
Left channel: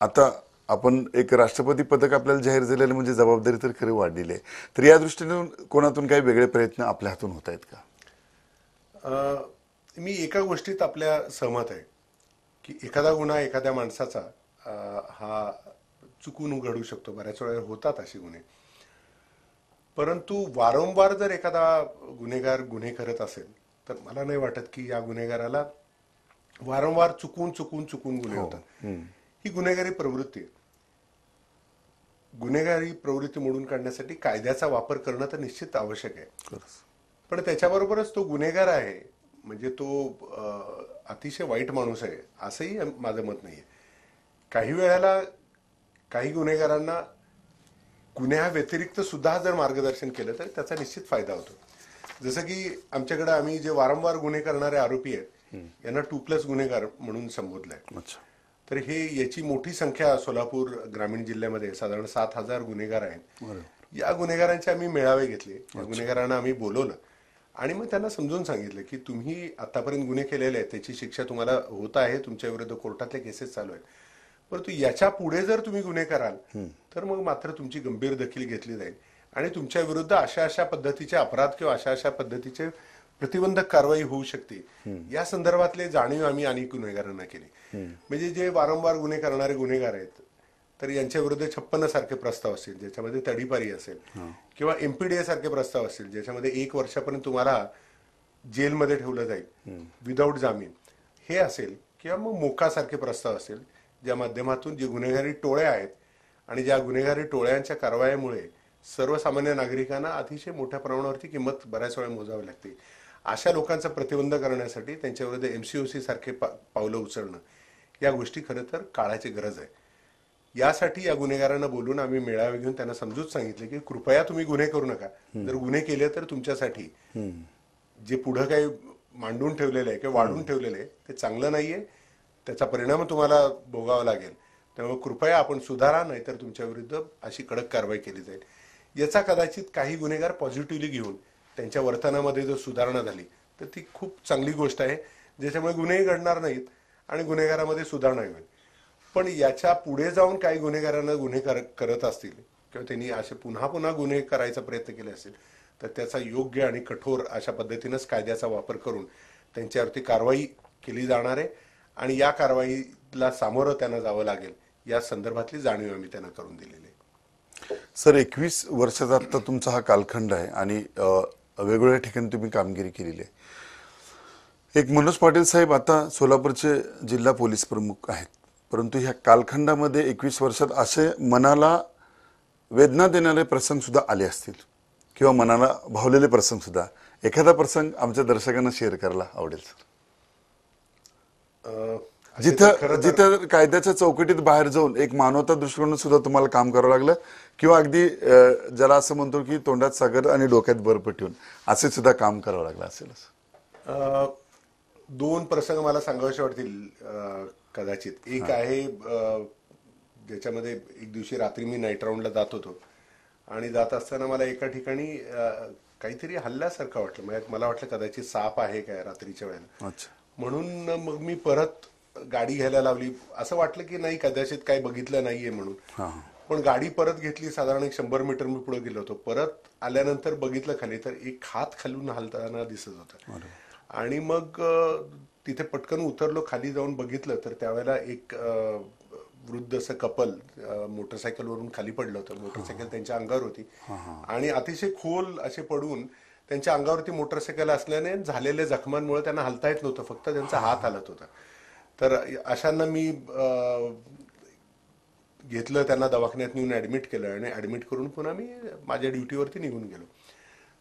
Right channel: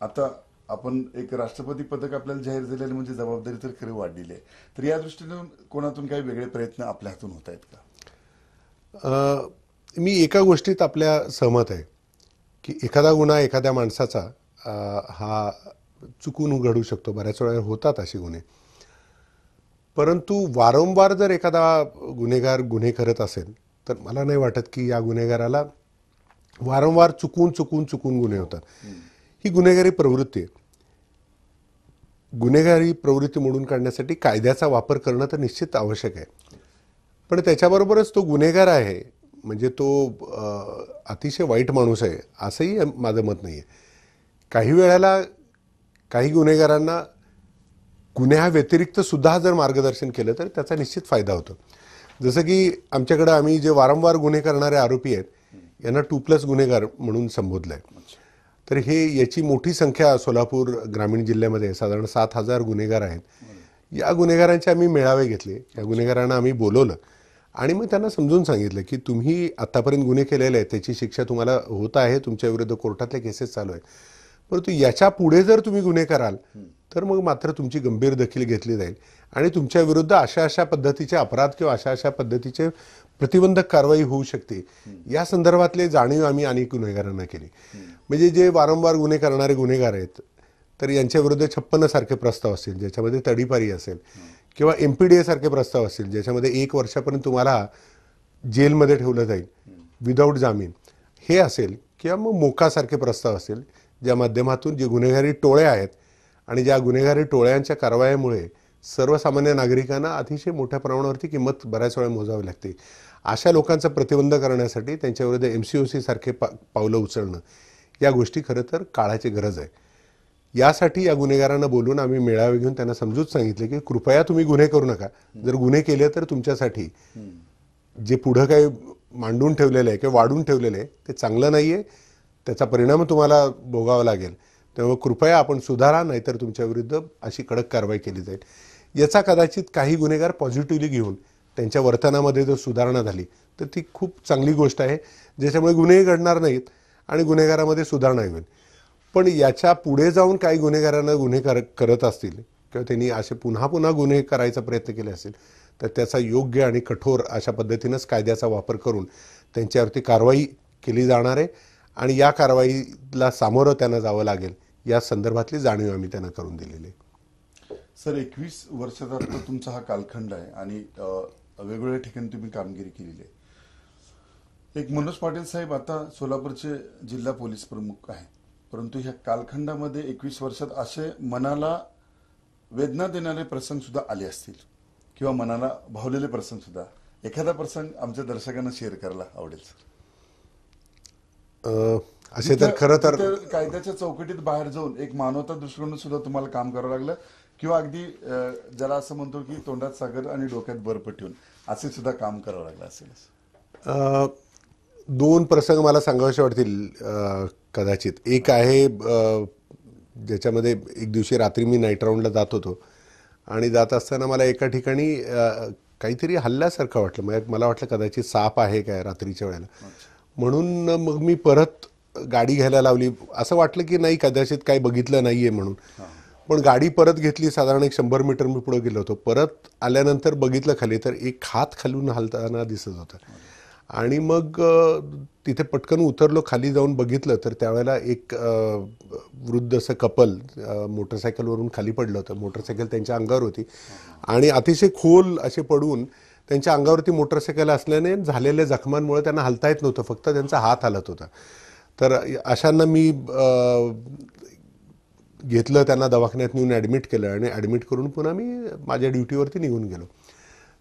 आता आपण एक राष्ट्रपती पदक आपल्याला जाहीर झालेलं म्हणजे जबाबदारी तर खरी वाढलेली आहे. तर या दृष्टीने कोणातून काही वेगळे प्रयत्न आपल्या हातून होत आहेत का? मी एका गोष्टीत आपल्या सहमत आहे की एखादा गुन्हा एखाद्या माणसाचा हा चुकून घडू शकतो, बऱ्याच वेळा होतात असे गुन्हे. परंतु वारंवार जर एखादा गुन्हेगार गुन्हे करत असेल तर मला नाही वाटत की या गुन्हेगाराला वारंवार चुकून गुन्हे होतात. ही गुन्हेगारी प्रवृत्ती आहे. गुन्हेगारी प्रवृत्ती मोडून काढण्यासाठी कायद्याचा वापर करणं तर निश्चित आवश्यक आहे, पण त्याच्याबरोबरच तो गुन्हेगार आहे म्हणजे तो अतिशय वाईट माणूस आहे असंही माझं मत नाही आहे. काही वेळेला काही गुन्हेगारांना गुन्ह्याव्यतिरिक्त सुद्धा जर मार्गदर्शन केलं तर त्याचा निश्चित फायदा होतो. जसं की आमच्याकडे आम्ही जे वारंवार गुन्हे करणारे आरोपी आहेत यांना 2+ गुन्हेगार म्हणून संबोधलं आहे. तर हे याची मोठी संख्या सोलापूर ग्रामीण जिल्ह्यामध्ये साधारण 7,000 गुन्हेगार आहेत. या गुन्हेगारांचे आम्ही मेळावे घेतले, या गुन्हेगारांना आम्ही बोलवलं आणि मग त्यांना समजून सांगितलं की तुम्ही आतापर्यंत गुन्हे केलेले आहेत, त्याची शिक्षा तुम्हाला होत आहे, तुमच्या विरुद्ध कोर्टातले केसेस चालू आहेत, परंतु याच्या पुढे जर तुम्ही गुन्हे कराल तर मग मात्र तुमची गंभीर दखल घेतली जाईल आणि तुमच्या विरुद्ध अशा पद्धतीचे अपराध किंवा अशा पद्धतीचे प्रतिबंधक कारवाई होऊ शकते. या संदर्भातले जाणीव आम्ही अनेक गुन्हेगारांना केली. म्हणजे जे वारंवार गुन्हे करणारे गुन्हेगार आहेत तर यांच्या विरुद्ध 56 सारखे प्रस्ताव असतील ज्याच्यामध्ये तडीपारी असेल किंवा MPDA सारखे प्रस्ताव असतील ज्याच्यामध्ये 1 वर्षापर्यंत तुम्हाला जेलमध्ये ठेवलं जाईल विदाऊट जामीन, हे असेल किंवा मग मोकासारखे प्रस्ताव असेल ज्या माध्यमातून जे गुन्हेगारी टोळ्या आहेत आणि ज्या गुन्हेगारी टोळ्यांच्या कारवाईमुळे सर्वसामान्य नागरिकांना अतिशय मोठ्या प्रमाणावरती किंमत बऱ्याच वेळा मोजावी लागते. अशा लोकांचा प्रतिबंध करण्यासाठी त्यांच्याविरुद्ध MCOC सारखे पावलं उचलणं, या गोष्टी खरं तर काळाची गरज आहे. यासाठी या गुन्हेगारांना बोलून आम्ही मेळावे घेऊन त्यांना समजून सांगितले की कृपया तुम्ही गुन्हे करू नका. जर गुन्हे केले तर तुमच्यासाठी जे पुढं काही मांडून ठेवलेलं आहे किंवा वाढून ठेवलेलं आहे ते चांगलं नाही आहे, त्याचा परिणाम तुम्हाला भोगावा लागेल. त्यामुळे कृपया आपण सुधारा, नाहीतर तुमच्या विरुद्ध अशी कडक कारवाई केली जाईल. याचा कदाचित काही गुन्हेगार पॉझिटिव्हली घेऊन त्यांच्या वर्तनामध्ये जर सुधारणा झाली तर ती खूप चांगली गोष्ट आहे, ज्याच्यामुळे गुन्हेही घडणार नाहीत आणि गुन्हेगारामध्ये सुधारणा होईल. पण याच्या पुढे जाऊन काही गुन्हेगारांना गुन्हे करत असतील किंवा त्यांनी असे पुन्हा गुन्हे करायचा प्रयत्न केले असेल तर त्याचा योग्य आणि कठोर अशा पद्धतीनंच कायद्याचा वापर करून त्यांच्यावरती कारवाई केली जाणार आहे आणि या कारवाईला सामोरं त्यांना जावं लागेल या संदर्भातली जाणीव आम्ही त्यांना करून दिलेली आहे. सर, 21 वर्षाचा आता तुमचा हा कालखंड आहे आणि वेगवेगळ्या ठिकाणी तुम्ही कामगिरी केलेली आहे. एक मनोज पाटील साहेब आता सोलापूरचे जिल्हा पोलीस प्रमुख आहेत, परंतु ह्या कालखंडामध्ये 21 वर्षात असे मनाला वेदना देणारे प्रसंग सुद्धा आले असतील किंवा मनाला भावलेले प्रसंग सुद्धा, एखादा प्रसंग आमच्या दर्शकांना शेअर करायला आवडेल सर. जिथं कायद्याच्या चौकटीत बाहेर जाऊन एक मानवता दृष्टिकोन सुद्धा तुम्हाला काम करावं लागलं किंवा अगदी ज्याला असं म्हणतो की तोंडात सागर आणि डोक्यात बर्फ ठेवून असे सुद्धा काम करावं लागलं असेल. 2 प्रसंग मला सांगावेसे वाटतील कदाचित. एक आहे ज्याच्यामध्ये एक दिवशी रात्री मी नाईट राऊंडला जात होतो आणि जात असताना मला एका ठिकाणी काहीतरी हल्ल्यासारखं वाटलं. मला वाटलं कदाचित साप आहे काय रात्रीच्या वेळेला, म्हणून मग मी परत गाडी घ्यायला लावली. असं वाटलं की नाही कदाचित काही बघितलं नाहीये म्हणून. पण गाडी परत घेतली, साधारण 100 मीटर मी पुढे गेलो होतो. परत आल्यानंतर बघितलं खाली तर एक हात खालून हलताना दिसत होता. आणि मग तिथे पटकन उतरलो, खाली जाऊन बघितलं तर त्यावेळेला एक वृद्ध असं कपल मोटरसायकलवरून खाली पडलं होतं. मोटरसायकल त्यांच्या अंगावर होती आणि अतिशय खोल असे पडून त्यांच्या अंगावरती मोटरसायकल असल्याने झालेल्या जखमांमुळे त्यांना हलता येत नव्हतं, फक्त त्यांचा हात हलत होता. तर अशांना मी घेतलं, त्यांना दवाखान्यात नेऊन ॲडमिट केलं आणि ॲडमिट करून पुन्हा मी माझ्या ड्युटीवरती निघून गेलो.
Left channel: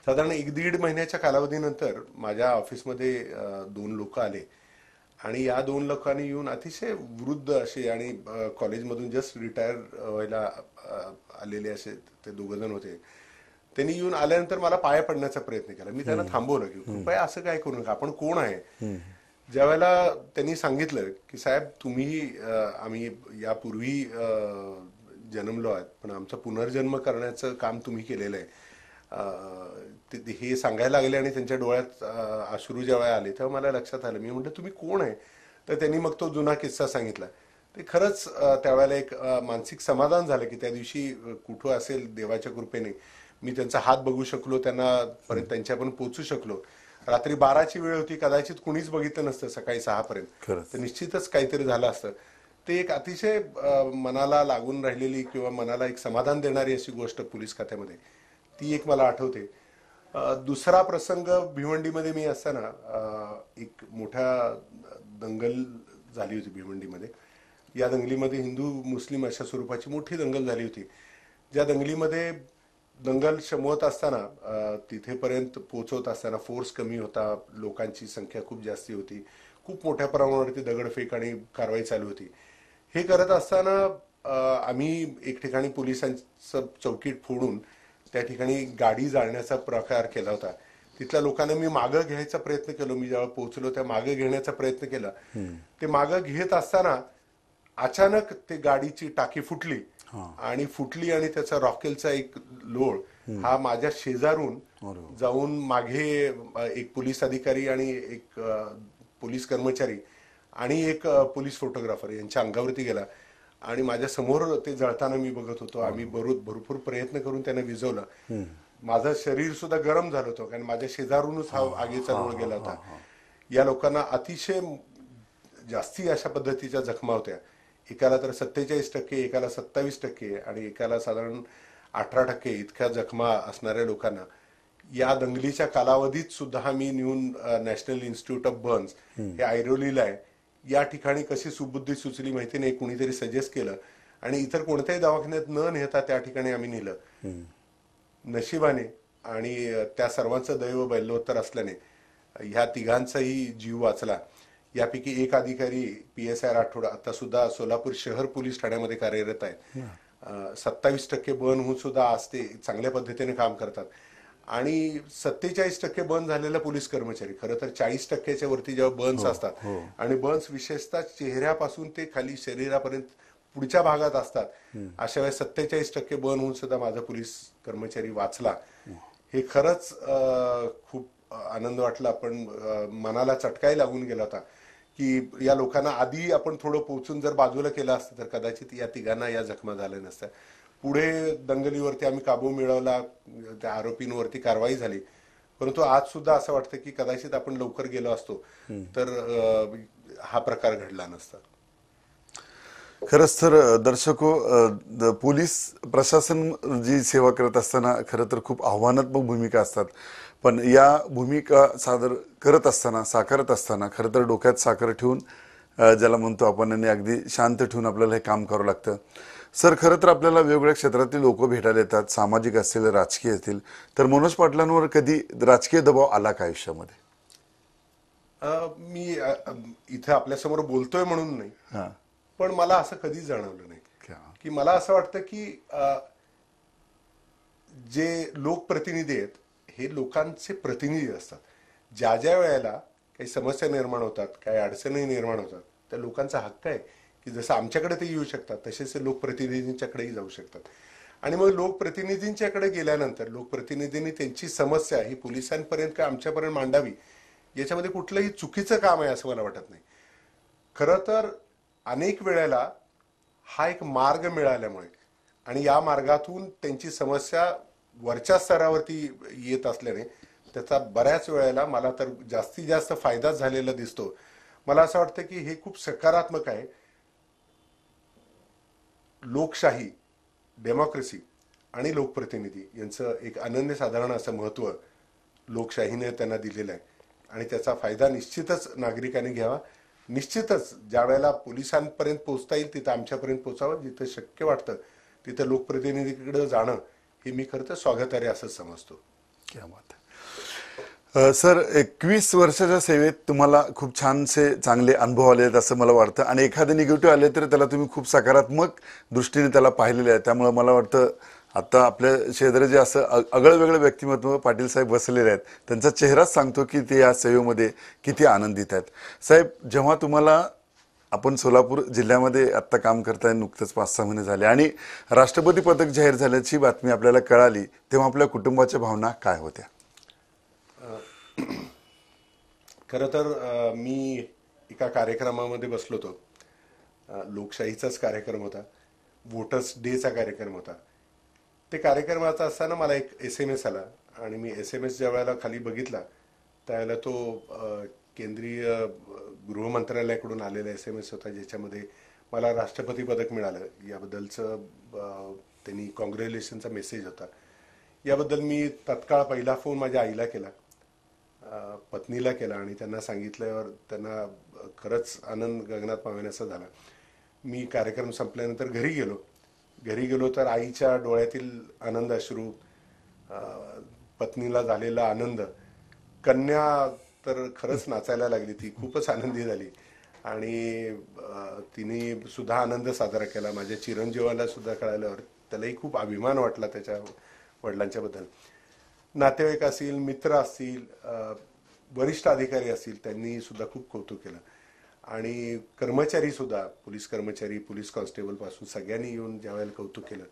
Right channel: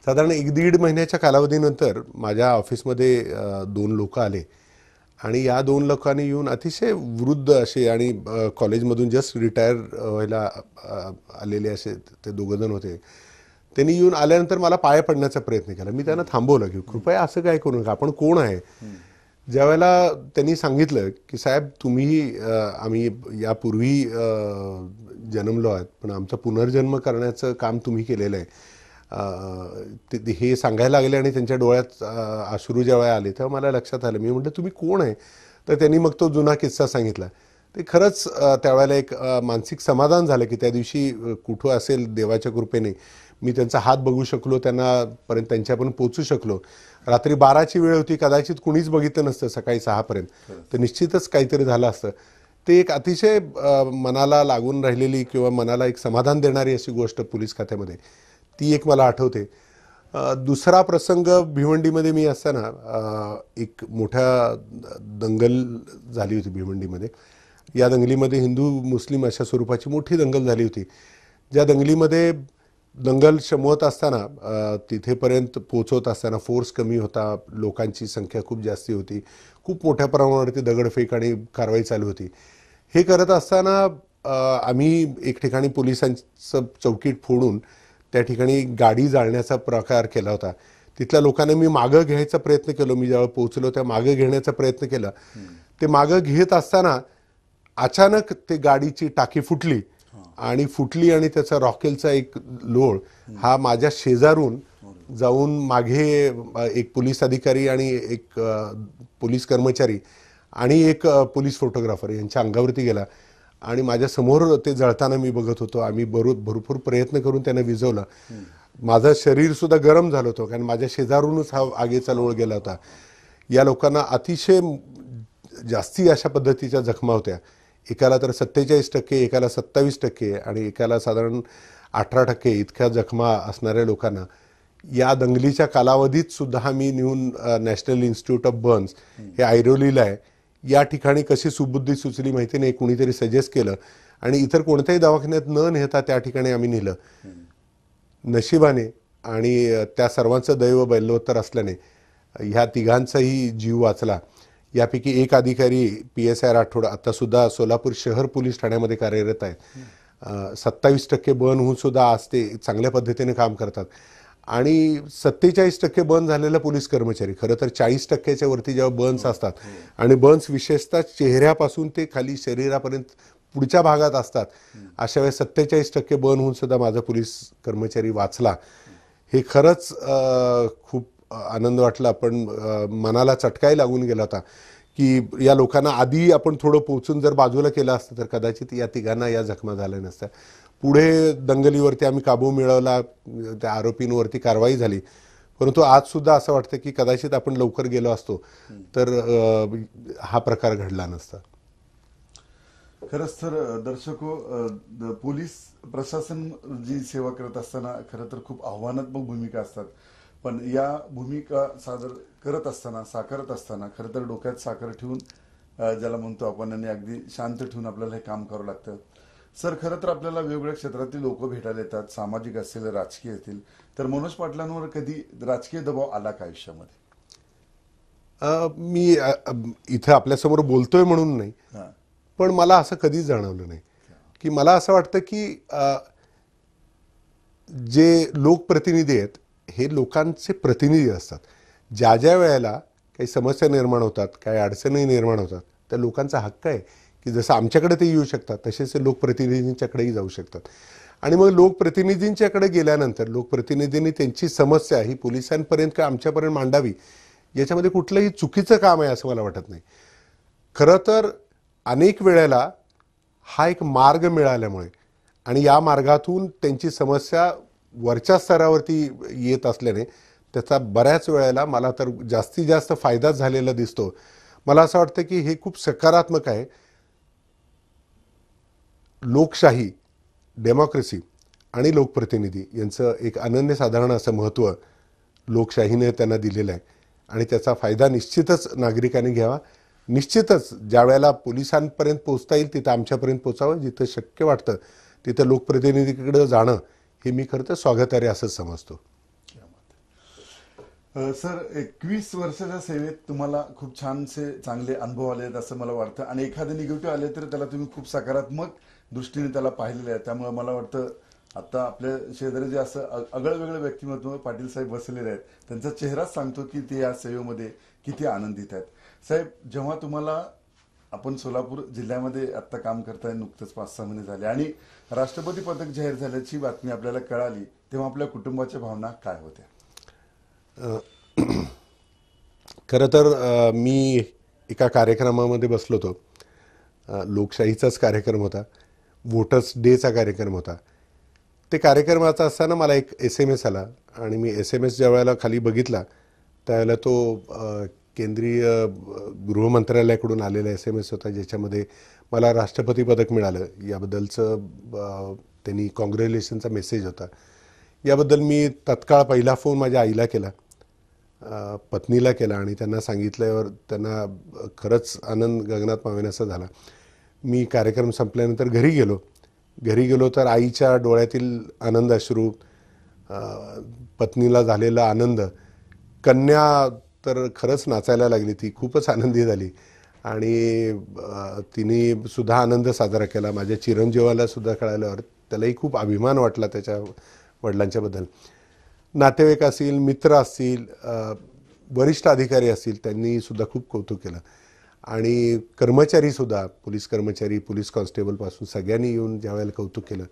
साधारण 1-1.5 महिन्याच्या कालावधीनंतर माझ्या ऑफिसमध्ये 2 लोक आले आणि या 2 लोकांनी येऊन अतिशय वृद्ध असे आणि कॉलेजमधून जस्ट रिटायर व्हायला आलेले असे ते 2 जण होते. त्यांनी येऊन आल्यानंतर मला पाया पडण्याचा प्रयत्न केला. मी त्यांना थांबवलं की कृपया असं काय करू नका, आपण कोण आहे. ज्यावेळेला त्यांनी सांगितलं की साहेब तुम्ही आम्ही यापूर्वी जन्मलो आहात, पण आमचा पुनर्जन्म करण्याचं काम तुम्ही केलेलं आहे, हे सांगायला लागले आणि त्यांच्या डोळ्यात अश्रू जेव्हा आले तेव्हा मला लक्षात आलं. मी म्हटलं तुम्ही कोण आहे. तर त्यांनी मग तो जुना किस्सा सांगितला. ते खरंच त्यावेळेला एक मानसिक समाधान झालं की त्या दिवशी कुठं असेल देवाच्या कृपेने मी त्यांचा हात बघू शकलो, त्यांना पर्यंत त्यांच्यापर्यंत पोचू शकलो. रात्री 12ची वेळ होती, कदाचित कुणीच बघितलं नसतं सकाळी 6पर्यंत, तर निश्चितच काहीतरी झालं असतं. ते एक अतिशय मनाला लागून राहिलेली किंवा मनाला एक समाधान देणारी अशी गोष्ट पोलीस खात्यामध्ये, ती एक मला आठवते. दुसरा प्रसंग भिवंडीमध्ये मी असताना एक मोठ्या दंगल झाली होती भिवंडीमध्ये. या दंगलीमध्ये हिंदू मुस्लिम अशा स्वरूपाची मोठी दंगल झाली होती. ज्या दंगलीमध्ये दंगल शमवत असताना तिथेपर्यंत पोचवत असताना फोर्स कमी होता, लोकांची संख्या खूप जास्ती होती, खूप मोठ्या प्रमाणावरती दगडफेक आणि कारवाई चालू होती. हे करत असताना आम्ही एक ठिकाणी पोलिसांचं चौकीट फोडून त्या ठिकाणी गाडी जाळण्याचा प्रकार केला होता. तिथल्या लोकांना मी मागं घ्यायचा प्रयत्न केला. मी ज्यावेळेला पोहोचलो त्या मागं घेण्याचा प्रयत्न केला. ते मागं घेत असताना अचानक ते गाडीची टाकी फुटली आणि त्याचा रॉकेलचा एक लोळ हा माझ्या शेजारून जाऊन मागे एक पोलीस अधिकारी आणि एक पोलीस कर्मचारी आणि एक पोलीस फोटोग्राफर यांच्या अंगावरती गेला आणि माझ्या समोर ते जळताना मी बघत होतो. आम्ही भरपूर प्रयत्न करून त्यांना विझवलं. माझं शरीर सुद्धा गरम झालं होतं कारण माझ्या शेजारूनच हा आगीचा लोळ गेला होता. या लोकांना अतिशय जास्ती अशा पद्धतीच्या जखमा होत्या. एकाला तर 47%, एकाला 27% आणि एकाला साधारण 18% इतक्या जखमा असणाऱ्या लोकांना या दंगलीच्या कालावधीत सुद्धा मी नेऊन नॅशनल इन्स्टिट्यूट ऑफ बर्न्स हे ऐरोलीला आहे, या ठिकाणी कशी सुबुद्धी सुचली माहिती नाही, कुणीतरी सजेस्ट केलं आणि इतर कोणत्याही दवाखान्यात न नेता त्या ठिकाणी आम्ही नेलं. नशिबाने आणि त्या सर्वांचं दैव बैलोत्तर असल्याने ह्या तिघांचाही जीव वाचला. यापैकी एक अधिकारी PSI राठोड आता सुद्धा सोलापूर शहर पोलीस ठाण्यामध्ये कार्यरत आहेत. 27% बर्न होऊन सुद्धा आज ते चांगल्या पद्धतीने काम करतात. आणि 47% बर्न झालेला पोलीस कर्मचारी, खरं तर 40%च्या वरती जेव्हा बर्न्स असतात आणि बर्न्स विशेषतः चेहऱ्यापासून ते खाली शरीरापर्यंत पुढच्या भागात असतात, अशा वेळेस 47% बर्न होऊन सुद्धा माझा पोलीस कर्मचारी वाचला. हे खरंच खूप आनंद वाटला. पण मनाला चटकाही लागून गेला होता की या लोकांना आधी आपण थोडं पोहोचून जर बाजूला केलं असतं तर कदाचित या तिघांना या जखमा झाल्या नसत्या. पुढे दंगलीवरती आम्ही काबू मिळवला, त्या आरोपींवरती कारवाई झाली. परंतु आज सुद्धा असं वाटतं की कदाचित आपण लवकर गेलो असतो तर हा प्रकार घडला नसता. खरंच तर दर्शको, पोलीस प्रशासन जी सेवा करत असताना खरं तर खूप आव्हानात्मक भूमिका असतात. पण या भूमिका साकारत असताना खरं तर डोक्यात साखर ठेवून, ज्याला म्हणतो आपण, आणि अगदी शांत ठेवून आपल्याला हे काम करावं लागतं. सर, खरं तर आपल्याला वेगवेगळ्या क्षेत्रातील लोक भेटायला येतात, सामाजिक असतील, राजकीय असतील. तर मनोज पाटलांवर कधी राजकीय दबाव आला का आयुष्यामध्ये? मी इथं आपल्यासमोर बोलतोय म्हणून नाही, पण मला असं कधीच जाणवलं नाही. की मला असं वाटतं की जे लोकप्रतिनिधी आहेत हे लोकांचे प्रतिनिधी असतात. ज्या ज्या वेळेला काही समस्या निर्माण होतात, काही अडचणी निर्माण होतात, त्या लोकांचा हक्क आहे की जसं आमच्याकडे ते येऊ शकतात तसेच ते लोकप्रतिनिधींच्याकडेही जाऊ शकतात. आणि मग लोकप्रतिनिधींच्याकडे गेल्यानंतर लोकप्रतिनिधींनी त्यांची समस्या ही पोलिसांपर्यंत किंवा आमच्यापर्यंत मांडावी, याच्यामध्ये कुठलंही चुकीचं काम आहे असं मला वाटत नाही. खरं तर अनेक वेळेला हा एक मार्ग मिळाल्यामुळे आणि या मार्गातून त्यांची समस्या वरच्या स्तरावरती येत असल्याने त्याचा बऱ्याच वेळेला मला तर जास्तीत जास्त फायदा झालेला दिसतो. मला असं वाटतं की हे खूप सकारात्मक आहे. लोकशाही, डेमोक्रेसी आणि लोकप्रतिनिधी यांचं एक अनन्यसाधारण असं महत्त्व लोकशाहीने त्यांना दिलेलं आहे आणि त्याचा फायदा निश्चितच नागरिकांनी घ्यावा. निश्चितच ज्या वेळेला पोलिसांपर्यंत पोहोचता येईल तिथं आमच्यापर्यंत पोचावं. जिथं शक्य वाटतं तिथं लोकप्रतिनिधीकडे जाणं हे मी खरं तर स्वागतार्ह असंच समजतो. क्या बात आहे. सर, 21 वर्षाच्या सेवेत तुम्हाला खूप छानसे चांगले अनुभव आले आहेत असं मला वाटतं आणि एखादे निगेटिव्ह आले तर त्याला तुम्ही खूप सकारात्मक दृष्टीने त्याला पाहिलेले आहे. त्यामुळे मला वाटतं आता आपल्या शेजारी जे असं आगळं-वेगळं व्यक्तिमत्व पाटील साहेब बसलेले आहेत त्यांचा चेहराच सांगतो की ते या सेवेमध्ये किती आनंदित आहेत. साहेब, जेव्हा तुम्हाला आपण सोलापूर जिल्ह्यामध्ये आत्ता काम करताय, नुकतेच 5-6 महिने झाले आणि राष्ट्रपती पदक जाहीर झाल्याची बातमी आपल्याला कळाली, तेव्हा आपल्या कुटुंबाच्या भावना काय होत्या? खरं तर मी एका कार्यक्रमामध्ये बसलो होतो. लोकशाहीचाच कार्यक्रम होता, वोटर्स डेचा कार्यक्रम होता. ते कार्यक्रमाचा असताना मला एक SMS आला आणि मी SMS ज्या वेळेला खाली बघितला त्यावेळेला तो केंद्रीय गृहमंत्रालयाकडून आलेला SMS होता, ज्याच्यामध्ये मला राष्ट्रपती पदक मिळालं याबद्दलचं त्यांनी कॉंग्रॅच्युलेशनचा मेसेज होता. याबद्दल मी तत्काळ पहिला फोन माझ्या आईला केला, पत्नीला केला आणि त्यांना सांगितल्यावर त्यांना खरंच आनंद गगनात मावेनासा झाला. मी कार्यक्रम संपल्यानंतर घरी गेलो तर आईच्या डोळ्यातील आनंद अश्रू, पत्नीला झालेला आनंद, कन्या तर खरंच नाचायला लागली. ती खूपच आनंदी झाली आणि तिने सुद्धा आनंद साजरा केला. माझ्या चिरंजीवाला सुद्धा कळाल्यावर त्यालाही खूप अभिमान वाटला त्याच्या वडिलांच्याबद्दल. नातेवाईक असतील, मित्र असतील, वरिष्ठ अधिकारी असतील, त्यांनी सुद्धा खूप कौतुक केलं आणि कर्मचारीसुद्धा, पोलीस कर्मचारी, पोलीस कॉन्स्टेबलपासून सगळ्यांनी येऊन ज्यावेळेला कौतुक केलं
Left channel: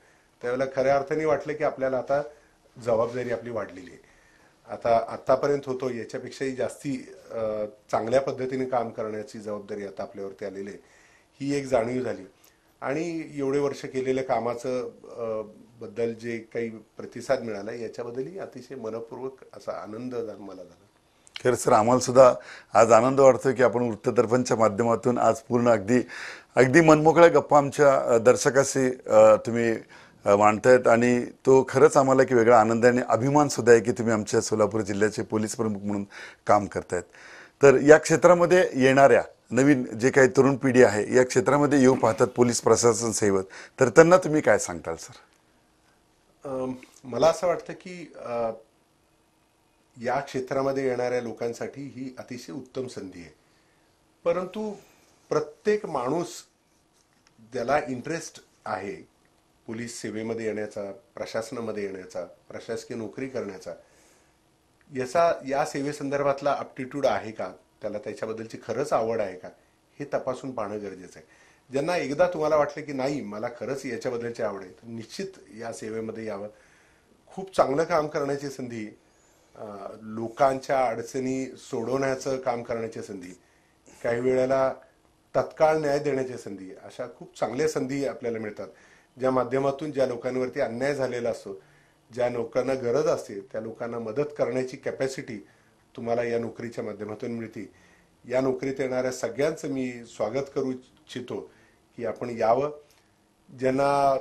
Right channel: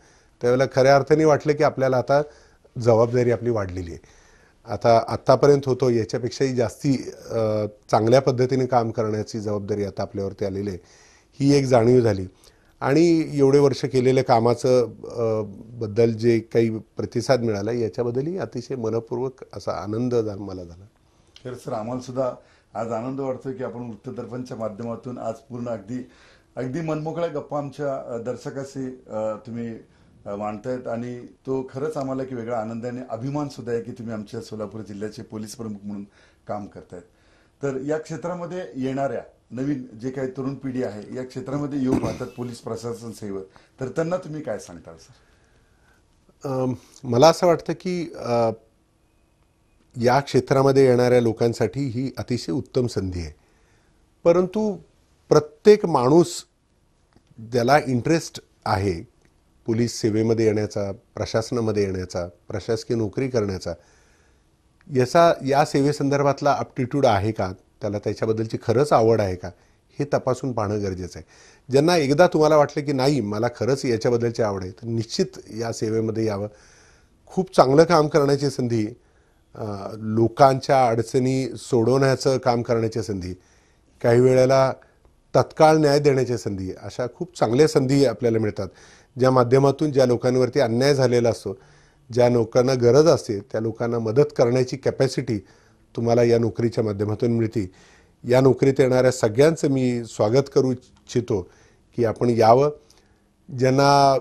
त्यावेळेला खऱ्या अर्थाने वाटलं की आपल्याला आता जबाबदारी आपली वाढलेली आहे. आत्तापर्यंत होतो याच्यापेक्षाही जास्ती चांगल्या पद्धतीने काम करण्याची जबाबदारी आता आपल्यावरती आलेली आहे, ही एक जाणीव झाली. आणि एवढे वर्ष केलेल्या कामाचं बद्दल जे काही प्रतिसाद मिळाला याच्याबद्दलही अतिशय मनपूर्वक असा आनंद मला झाला. खरं सर, आम्हाला सुद्धा आज आनंद वाटतो की आपण वृत्तदर्पणच्या माध्यमातून आज पूर्ण अगदी मनमोकळ्या गप्पा आमच्या दर्शकाशी तुम्ही मांडतायत आणि तो खरंच आम्हाला की वेगळा आनंद आणि अभिमान सुद्धा आहे की तुम्ही आमच्या सोलापूर जिल्ह्याचे पोलीस प्रमुख म्हणून काम करतायत. तर या क्षेत्रामध्ये येणाऱ्या नवीन जे काही तरुण पिढी आहे या क्षेत्रामध्ये येऊ पाहतात पोलीस प्रशासन सेवक, तर त्यांना तुम्ही काय सांगताल सर? मला असं वाटतं की या क्षेत्रामध्ये येणाऱ्या लोकांसाठी ही अतिशय उत्तम संधी आहे. परंतु प्रत्येक माणूस ज्याला इंटरेस्ट आहे पोलीस सेवेमध्ये येण्याचा, प्रशासनामध्ये येण्याचा, प्रशासकीय नोकरी करण्याचा, या सेवेसंदर्भातला अप्टिट्यूड आहे का, त्याला त्याच्याबद्दलची खरंच आवड आहे का, हे तपासून पाहणं गरजेचं आहे. ज्यांना एकदा तुम्हाला वाटलं की नाही मला खरंच याच्याबद्दलची आवड आहे तर निश्चित या सेवेमध्ये यावं. खूप चांगलं काम करण्याची संधी, लोकांच्या अडचणी सोडवण्याचं काम करण्याची संधी, काही वेळेला तत्काळ न्याय देण्याची संधी, अशा खूप चांगल्या संधी आपल्याला मिळतात, ज्या माध्यमातून ज्या लोकांवरती अन्याय झालेला असतो, ज्या लोकांना गरज असते त्या लोकांना मदत करण्याची कॅपॅसिटी तुम्हाला या नोकरीच्या माध्यमातून मिळते. या नोकरीत येणाऱ्या सगळ्यांचं मी स्वागत करू इच्छितो की आपण यावं. ज्यांना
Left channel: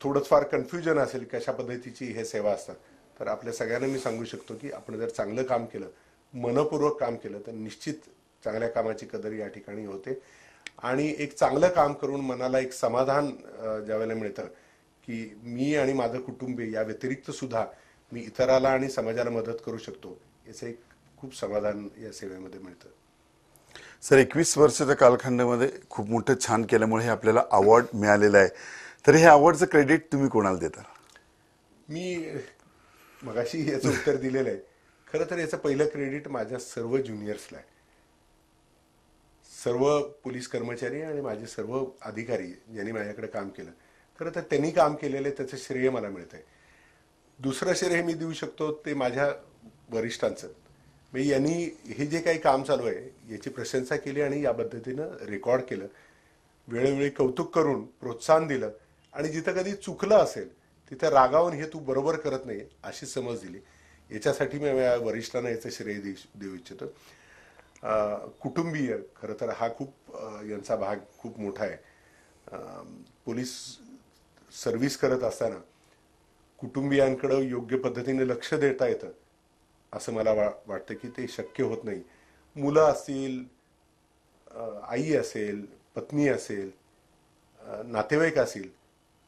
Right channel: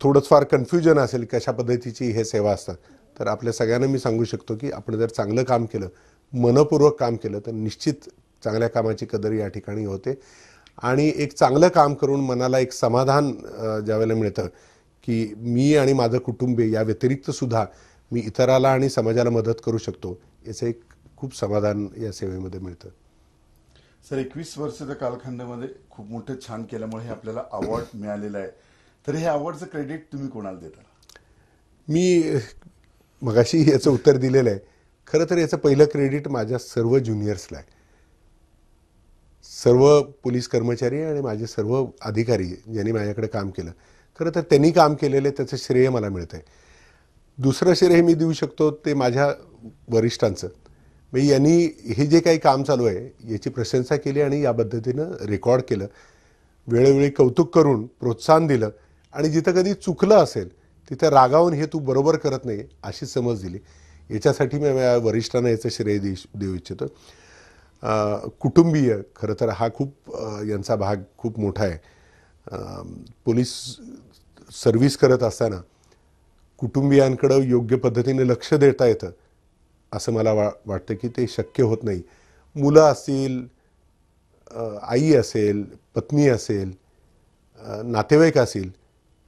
थोडंफार कन्फ्युजन असेल कशा पद्धतीची हे सेवा असतात, तर आपल्या सगळ्यांना मी सांगू शकतो की आपण जर चांगलं काम केलं, मनपूर्वक काम केलं तर निश्चित चांगल्या कामाची कदर या ठिकाणी होते आणि एक चांगलं काम करून मनाला एक समाधान ज्यावेळेला मिळतं की मी आणि माझं कुटुंबीय या व्यतिरिक्त सुद्धा मी इतराला आणि समाजाला मदत करू शकतो, याचं एक खूप समाधान या सेवेमध्ये मिळतं. सर, 21 वर्षाच्या कालखंडामध्ये खूप मोठं छान केल्यामुळे आपल्याला अवॉर्ड मिळालेला आहे. तर हे अवॉर्डचं क्रेडिट तुम्ही कोणाला देता? मी मगाशी याचं उत्तर दिलेलं आहे. खरं तर याचं पहिलं क्रेडिट माझ्या सर्व ज्युनियर्सला आहे. सर्व पोलीस कर्मचारी आणि माझे सर्व अधिकारी ज्यांनी माझ्याकडे काम केलं, खरं तर त्यांनी काम केलेलं त्याचं श्रेय मला मिळतं आहे. दुसरं श्रेय मी देऊ शकतो ते माझ्या वरिष्ठांचं. म्हणजे यांनी हे जे काही काम चालू आहे याची प्रशंसा केली आणि या पद्धतीनं रेकॉर्ड केलं, वेळोवेळी कौतुक करून प्रोत्साहन दिलं आणि जिथं कधी चुकलं असेल तिथं रागावून हे तू बरोबर करत नाही अशी समज दिली. याच्यासाठी मी वरिष्ठांना याचं श्रेय देऊ इच्छितो. कुटुंबीय खरं तर हा खूप यांचा भाग खूप मोठा आहे. पोलीस सर्व्हिस करत असताना कुटुंबियांकडं योग्य पद्धतीने लक्ष देता येतं असं मला वाटतं की ते शक्य होत नाही. मुलं असतील, आई असेल, पत्नी असेल, नातेवाईक असतील,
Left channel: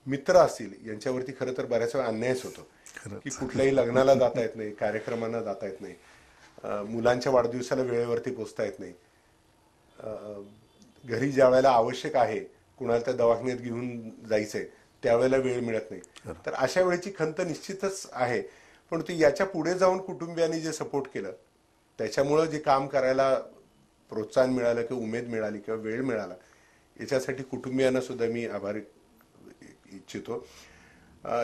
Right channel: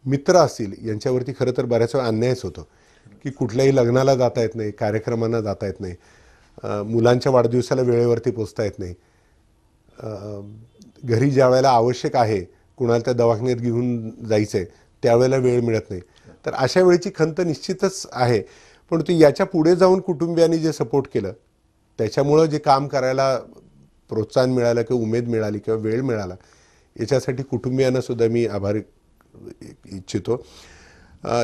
मित्र असतील, यांच्यावरती खरं तर बऱ्याच वेळा अन्यायच होतो की कुठल्याही लग्नाला जाता येत नाही, कार्यक्रमांना जाता येत नाही, मुलांच्या वाढदिवसाला वेळेवरती पोचता येत नाही, घरी ज्या वेळेला आवश्यक आहे कुणाला त्या दवाखान्यात घेऊन जायचंय त्यावेळेला वेळ मिळत नाही. तर अशा वेळेची खंत निश्चितच आहे. पण ते याच्या पुढे जाऊन कुटुंबियांनी जे सपोर्ट केलं त्याच्यामुळं जे काम करायला प्रोत्साहन मिळालं किंवा उमेद मिळाली किंवा वेळ मिळाला याच्यासाठी कुटुंबियांना सुद्धा मी आभारी इच्छितो.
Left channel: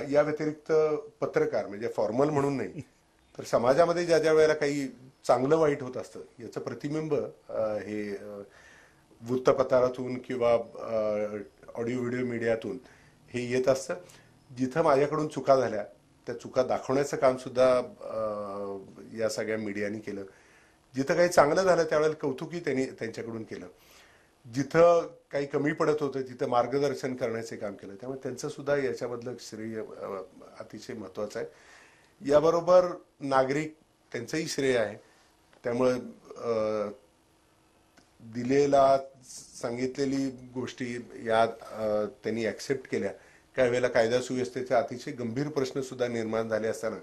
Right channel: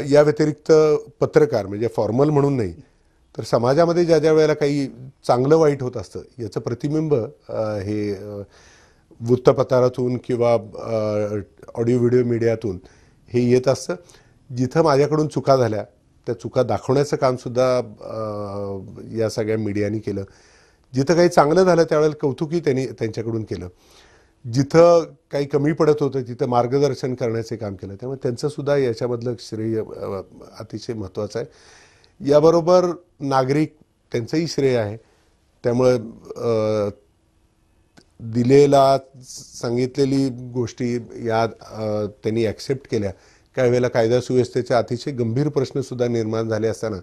या व्यतिरिक्त पत्रकार म्हणजे फॉर्मल म्हणून नाही तर समाजामध्ये ज्या ज्या वेळेला काही चांगलं वाईट होत असतं याचं प्रतिबिंब हे वृत्तपत्रातून किंवा ऑडिओ व्हिडिओ मीडियातून हे येत असतं. जिथं माझ्याकडून चुका झाल्या त्या चुका दाखवण्याचं कामसुद्धा या सगळ्या मीडियानी केलं. जिथं काही चांगलं झालं त्यावेळेला कौतुकही त्यांच्याकडून केलं. जिथं काही कमी पडत होतं तिथं मार्गदर्शन करण्याचे काम केलं. त्यामुळे त्यांचंसुद्धा याच्यामधलं श्रेय अतिशय महत्त्वाचं आहे. याबरोबर नागरिक त्यांचंही श्रेय आहे. त्यामुळं दिलेला सांगितलेली गोष्टी या त्यांनी ॲक्सेप्ट केल्या. काही वेळेला कायदा सुव्यवस्थेचे अतिशय गंभीर प्रश्नसुद्धा निर्माण झाले असताना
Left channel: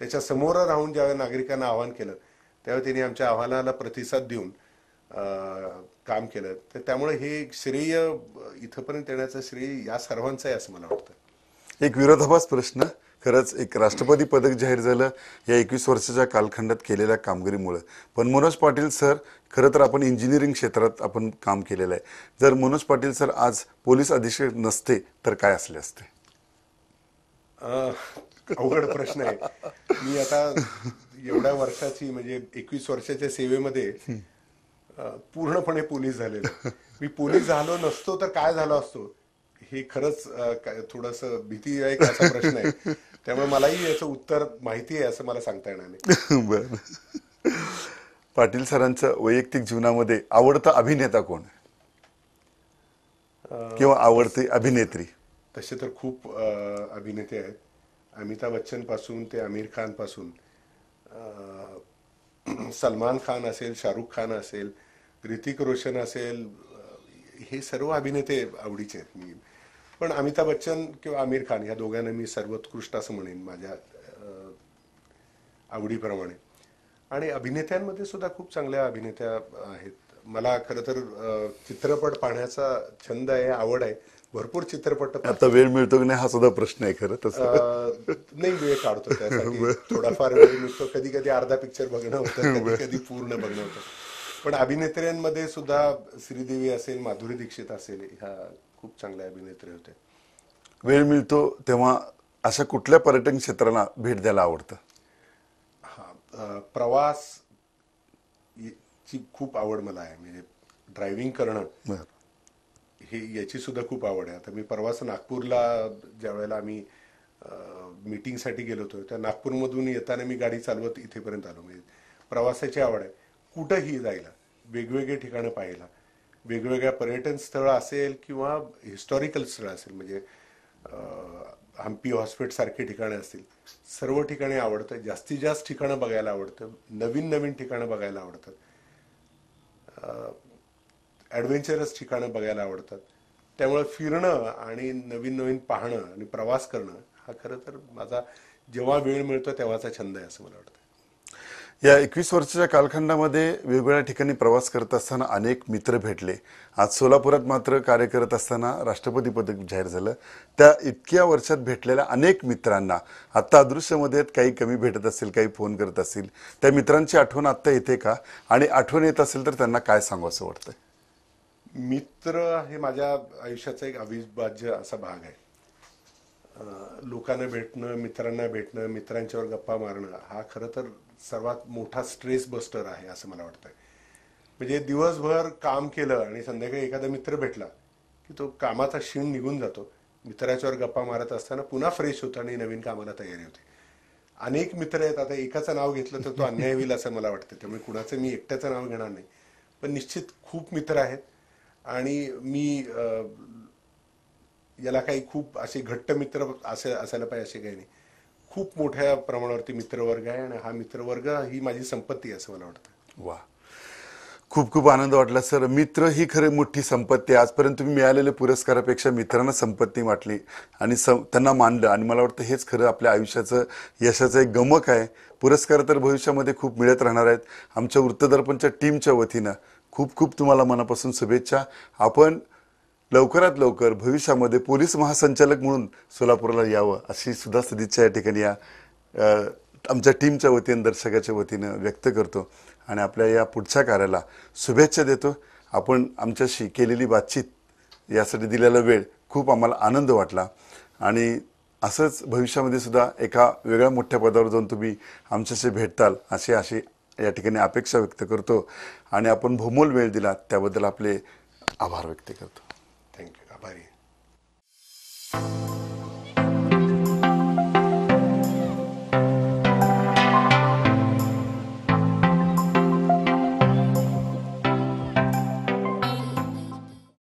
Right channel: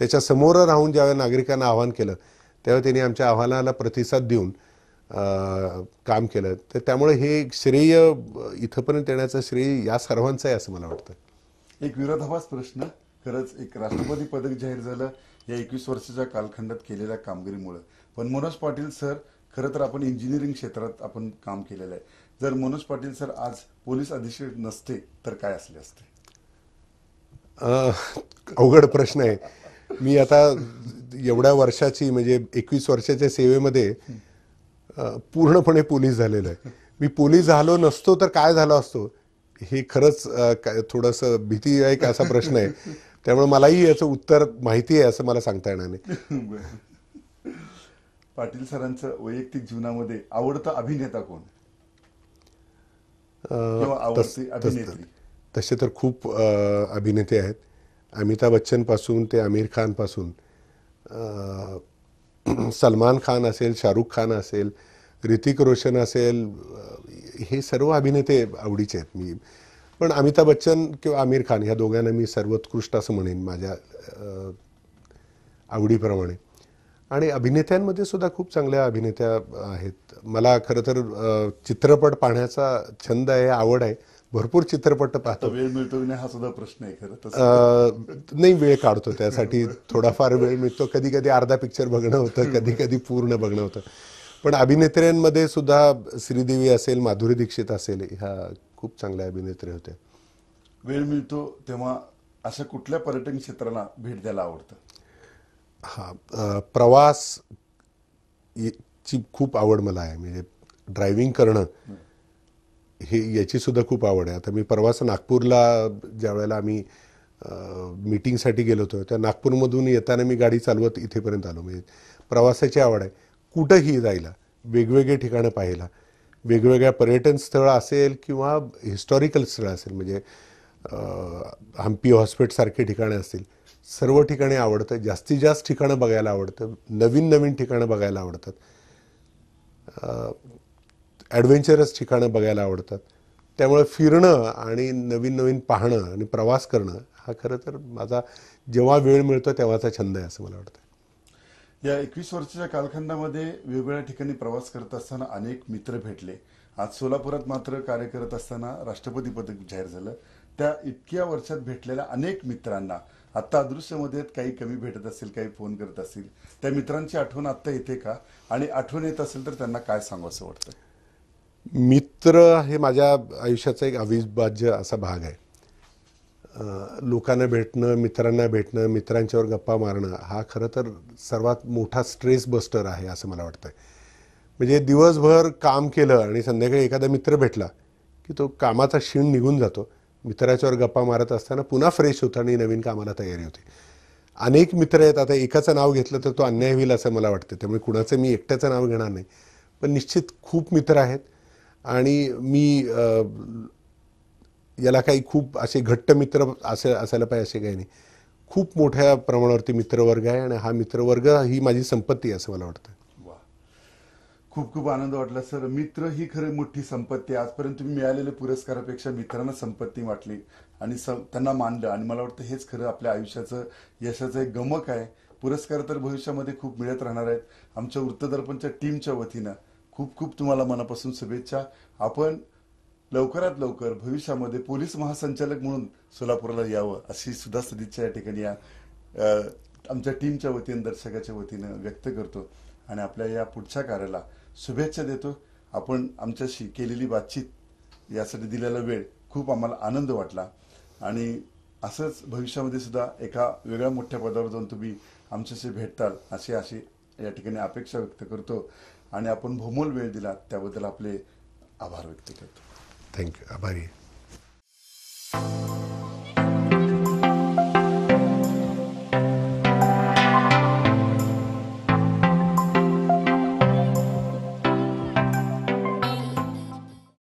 त्याच्या समोर राहून ज्यावेळेला नागरिकांना आवाहन केलं त्यावेळेला त्यांनी आमच्या आव्हानाला प्रतिसाद देऊन काम केलं. तर त्यामुळे हे श्रेय इथंपर्यंत येण्याचं श्रेय या सर्वांचं आहे असं मला वाटतं. एक विरोधाभास प्रश्न, खरंच एक राष्ट्रपती पदक जाहीर झालं या 21 वर्षाच्या कालखंडात केलेल्या कामगिरीमुळे. पण मनोज पाटील सर, खरं तर आपण इंजिनिअरिंग क्षेत्रात आपण काम केलेलं आहे. जर मनोज पाटील सर आज पोलीस अधीक्षक नसते तर काय असले असते? अवघड प्रश्न आहे. मी आता एवढ्या वर्षाची म्हणजे 21 वर्षाच्या सेवेमध्ये पूर्णपणे पोलीस झालेलो आहे. मी पोलीस झालो नसतो तर काय झालो असतो हे खरंच थोडंसं भीतीदायक असा प्रश्न आहे. त्यामुळे मलाही याचं उत्तर माहिती आहे असं मला सांगता येणार नाही. बरं, पाटील सरांचं वैयक्तिक जीवनामध्ये आवडता अभिनेता कोण किंवा आवडती अभिनेत्री? तसे तर खूप अभिनेते आहेत. अमिताभ बच्चन पासून ते आमिर खान पासून सलमान खान असेल, शाहरुख खान असेल, ऋतिक रोशन असेल, हे सर्व अभिनेते आवडीचे आहेत. मी पण अमिताभ बच्चन किंवा आमिर खान ह्या दोघांना मी सर्वोत्कृष्ट असं म्हणेन माझ्या आवडीप्रमाणे. आणि अभिनेत्यांमध्ये सुद्धा खूप चांगल्या अभिनेत्या आहेत. मला खरं तर चित्रपट पाहण्याचा छंद आहे, आवड आहे. भरपूर चित्रपट आता वेळ मिळतो की नाही हा सुद्धा प्रश्न आहे. खरं नाही, वेळ काढतो त्यासाठी, थोडाफार वेळ मिळतो. कधी कधी अर्धा पिक्चर बघणं होतं, कधी कधी पूर्ण बघणं होतं. पण अभिनेत्र्यांमध्ये सुद्धा श्रीदेवी असेल, माधुरी दीक्षित असेल, ह्या खूप चांगल्या अभिनेत्री होत्या. वेळ मिळतो तेव्हा अशा कुठल्या पर्यटन क्षेत्राला भेट द्यायला आवडतं? प्रवास ची खूप आवड मला आहे. म्हणजे ड्रायव्हिंग करणं हे याची सुद्धा खूप आवड आहे. आता मी प्रवास नागपूरला ज्या वेळेला आम्ही मीटिंगसाठी गेलो होतो त्या नागपूरमधून येताना मी गाडी चालवत इथेपर्यंत आलो. म्हणजे प्रवासाची आवड आहे. कुठंही जायला, वेगवेगळे ठिकाणं पाहायला, वेगवेगळ्या पर्यटन स्थळं असेल किंवा हिस्टॉरिकल स्थळं असेल, म्हणजे हम्पी हॉस्पिटलसारखे ठिकाणं असतील, सर्व ठिकाणी आवडतं. जास्तीत जास्त ठिकाणं बघायला आवडतं, नवीन नवीन ठिकाणं बघायला आवडतात, ॲडव्हेंचरस ठिकाणं बघायला आवडतात. त्यामुळे फिरणं आणि नवीन नवीन पाहणं आणि प्रवास करणं हा खरं तर माझा जेव्हा वेळ मिळतो तेव्हाचा छंद आहे असं मला वाटतं. या 21 वर्षाच्या कालखंडामध्ये वेगवेगळ्या ठिकाणी प्रवास करत असताना अनेक मित्र भेटले. आज सोलापुरात मात्र कार्य करत असताना राष्ट्रपती पदक जाहीर झालं. त्या इतक्या वर्षात भेटलेल्या अनेक मित्रांना आत्ता अदृश्यमध्ये काही कमी भेटत असेल, काही फोन करत असतील, त्या मित्रांची आठवण आत्ता येते का? आणि आठवण येत असेल तर त्यांना काय सांगू असं वाटतं? मित्र हे माझ्या आयुष्याचा एक अविभाज्य असा भाग आहे. लोकांना भेटणं, मित्रांना भेटणं, मित्रांच्यावर गप्पा मारणं हा खरं तर सर्वात मोठा स्ट्रेस बस्टर आहे असं मला वाटतं. म्हणजे दिवसभर काम केलं आणि संध्याकाळी एखादा मित्र भेटला की तो कामाचा शीण निघून जातो मित्राच्यावर गप्पा मारत असताना पुन्हा फ्रेश होतो आणि नवीन कामाला तयारी होते. अनेक मित्र आहेत. आता एकाचं नाव घेतलं तर तो अन्याय होईल असं मला वाटतं, त्यामुळे कुणाचं मी एकट्याचं नाव घेणार नाही. पण निश्चित खूप मित्र आहेत आणि मी याला काही खूप असे घट्ट मित्र असे असायला पाहिजे असे काही नाही. खूप मोठ्या प्रमाणावरती मित्रवर्ग आहे आणि हा मित्रवर्ग ही माझी संपत्ती आहे असं मला वाटतं. वा, खूप खूप आनंद वाटला सर. मित्र ही खरी मोठी संपत्ती आहे. आजपर्यंत तुम्ही मिळालेल्या पुरस्कारापेक्षा मित्रांना संपत्ती वाटली आणि त्यांना मानलं, आणि मला वाटतं हेच खरं आपल्या आयुष्याचं यशाचं एक गमक आहे. पुरस्कार तर भविष्यामध्ये खूप मिळत राहणार आहेत. आमच्या वृत्तदर्पणच्या टीमच्या वतीनं खूप खूप तुम्हाला मनापासून शुभेच्छा. आपण लवकरात लवकर भविष्यामध्ये पोलीस महासंचालक म्हणून सोलापूरला यावं अशी सुद्धा सदिच्छा या ठिकाणी आमच्या टीमच्या वतीनं, दर्शकाच्या वतीनं व्यक्त करतो आणि आपल्या या पुढच्या कार्याला शुभेच्छा देतो. आपण आमच्याशी केलेली बातचीत, यासाठी दिलेला वेळ खूप आम्हाला आनंद वाटला आणि असंच भविष्यामध्ये सुद्धा एका वेगळ्या मोठ्या पदावर जाऊन तुम्ही आमच्याशी भेटताल अशी या ठिकाणी अपेक्षा व्यक्त करतो आणि आपण बहुमोल वेळ दिला त्याबद्दल आपले आभार व्यक्त करतो. थँक्यू. आभारी आहे.